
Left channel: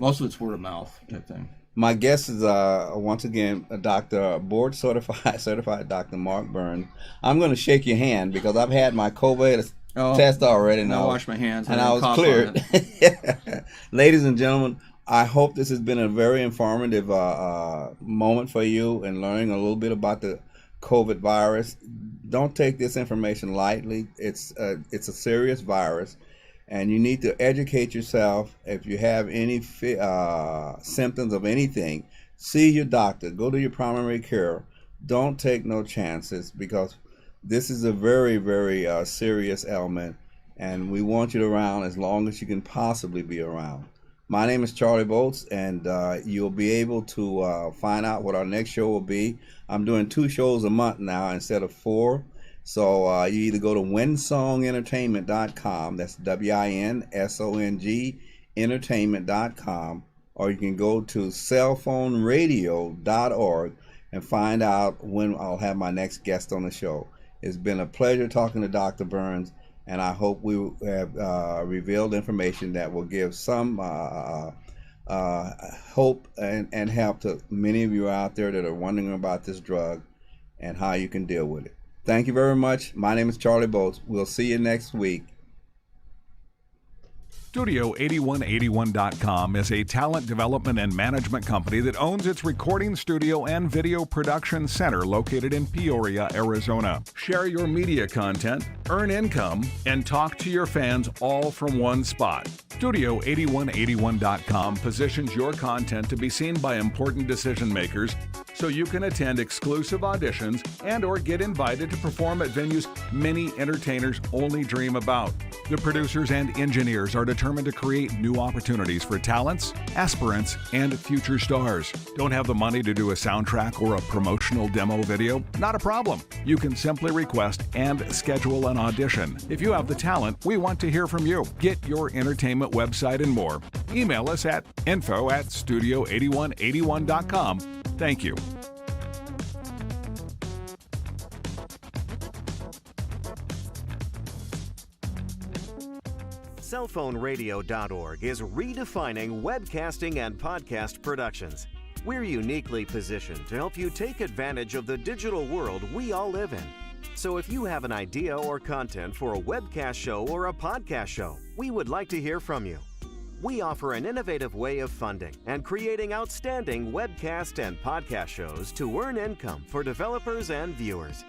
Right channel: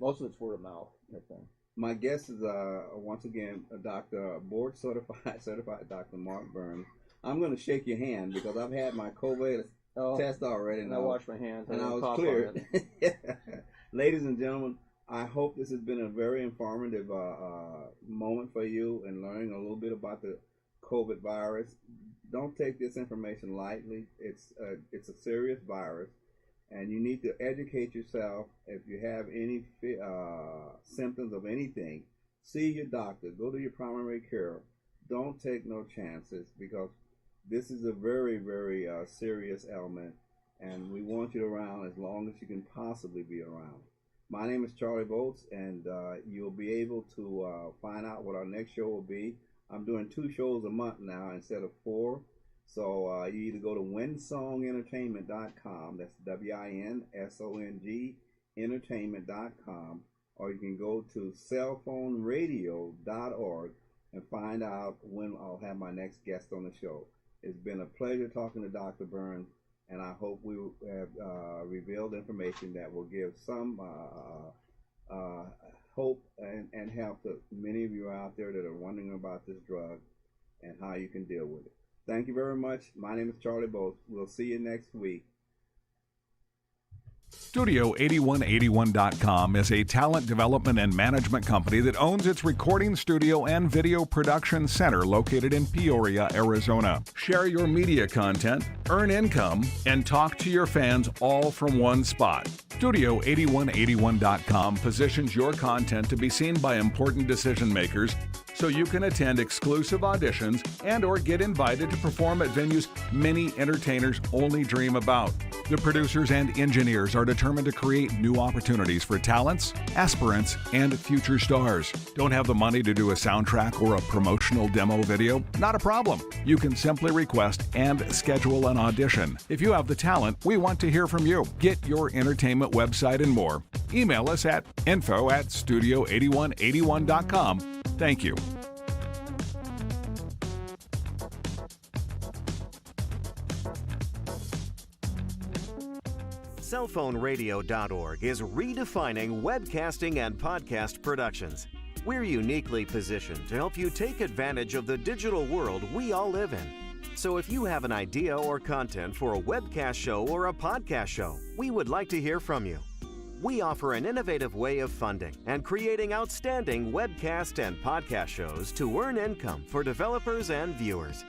Most of it's word of mouth type thing. My guest is once again a doctor, board certified Dr. Mark Burns. I'm going to shake your hand because I've had my COVID test already, and I washed my hands and I was cleared. Ladies and gentlemen, I hope this has been a very informative moment for you in learning a little bit about the COVID virus. Don't take this information lightly. It's a serious virus, and you need to educate yourself. If you have any symptoms of anything, see your doctor. Go to your primary care. Don't take no chances, because this is a very, very serious ailment, and we want you around as long as you can possibly be around. My name is Charlie Bolts, and you'll be able to find out what our next show will be. I'm doing 2 shows a month now instead of 4. So you either go to winsongentertainment.com, that's WINSONG entertainment.com, or you can go to cellphoneradio.org and find out when I'll have my next guest on the show. It's been a pleasure talking to Dr. Burns, and I hope we have revealed information that will give some hope and help to many of you out there that are wondering about this drug and how you can deal with it. Thank you very much. My name is Charlie Bolts. We'll see you next week. Studio8181.com is a talent development and management company that owns its recording studio and video production center located in Peoria, Arizona. Share your media content, earn income, and talk to your fans all from one spot. Studio8181.com positions your content to be seen by important decision makers so you can attend exclusive auditions and or get invited to perform at venues many entertainers only dream about. The producers and engineers are determined to create new opportunities for talents, aspirants, and future stars. Don't have the money to do a soundtrack or a promotional demo video? Not a problem. You can simply request and schedule an audition. If you have the talent, we want to hear from you. Get your entertainment website and more. Email us at info@studio8181.com. Thank you. Cellphoneradio.org is redefining webcasting and podcast productions. We're uniquely positioned to help you take advantage of the digital world we all live in. So if you have an idea or content for a webcast show or a podcast show, we would like to hear from you. We offer an innovative way of funding and creating outstanding webcast and podcast shows to earn income for developers and viewers.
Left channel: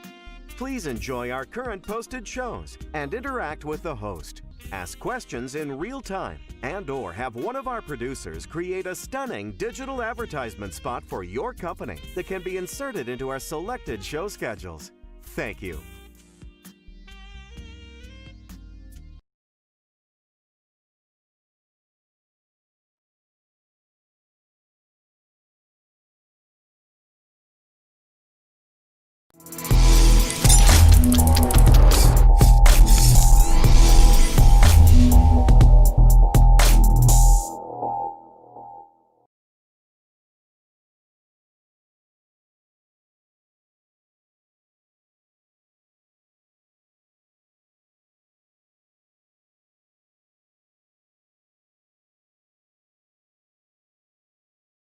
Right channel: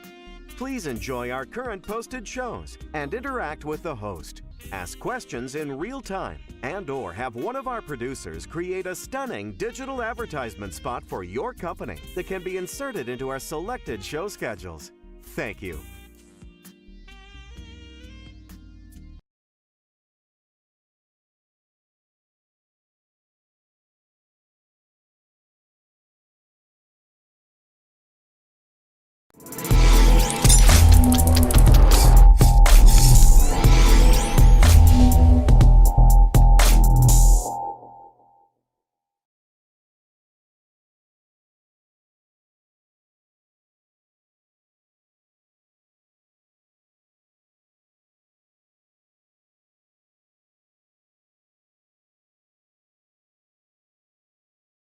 Please enjoy our current posted shows and interact with the host. Ask questions in real time and/or have one of our producers create a stunning digital advertisement spot for your company that can be inserted into our selected show schedules. Thank you.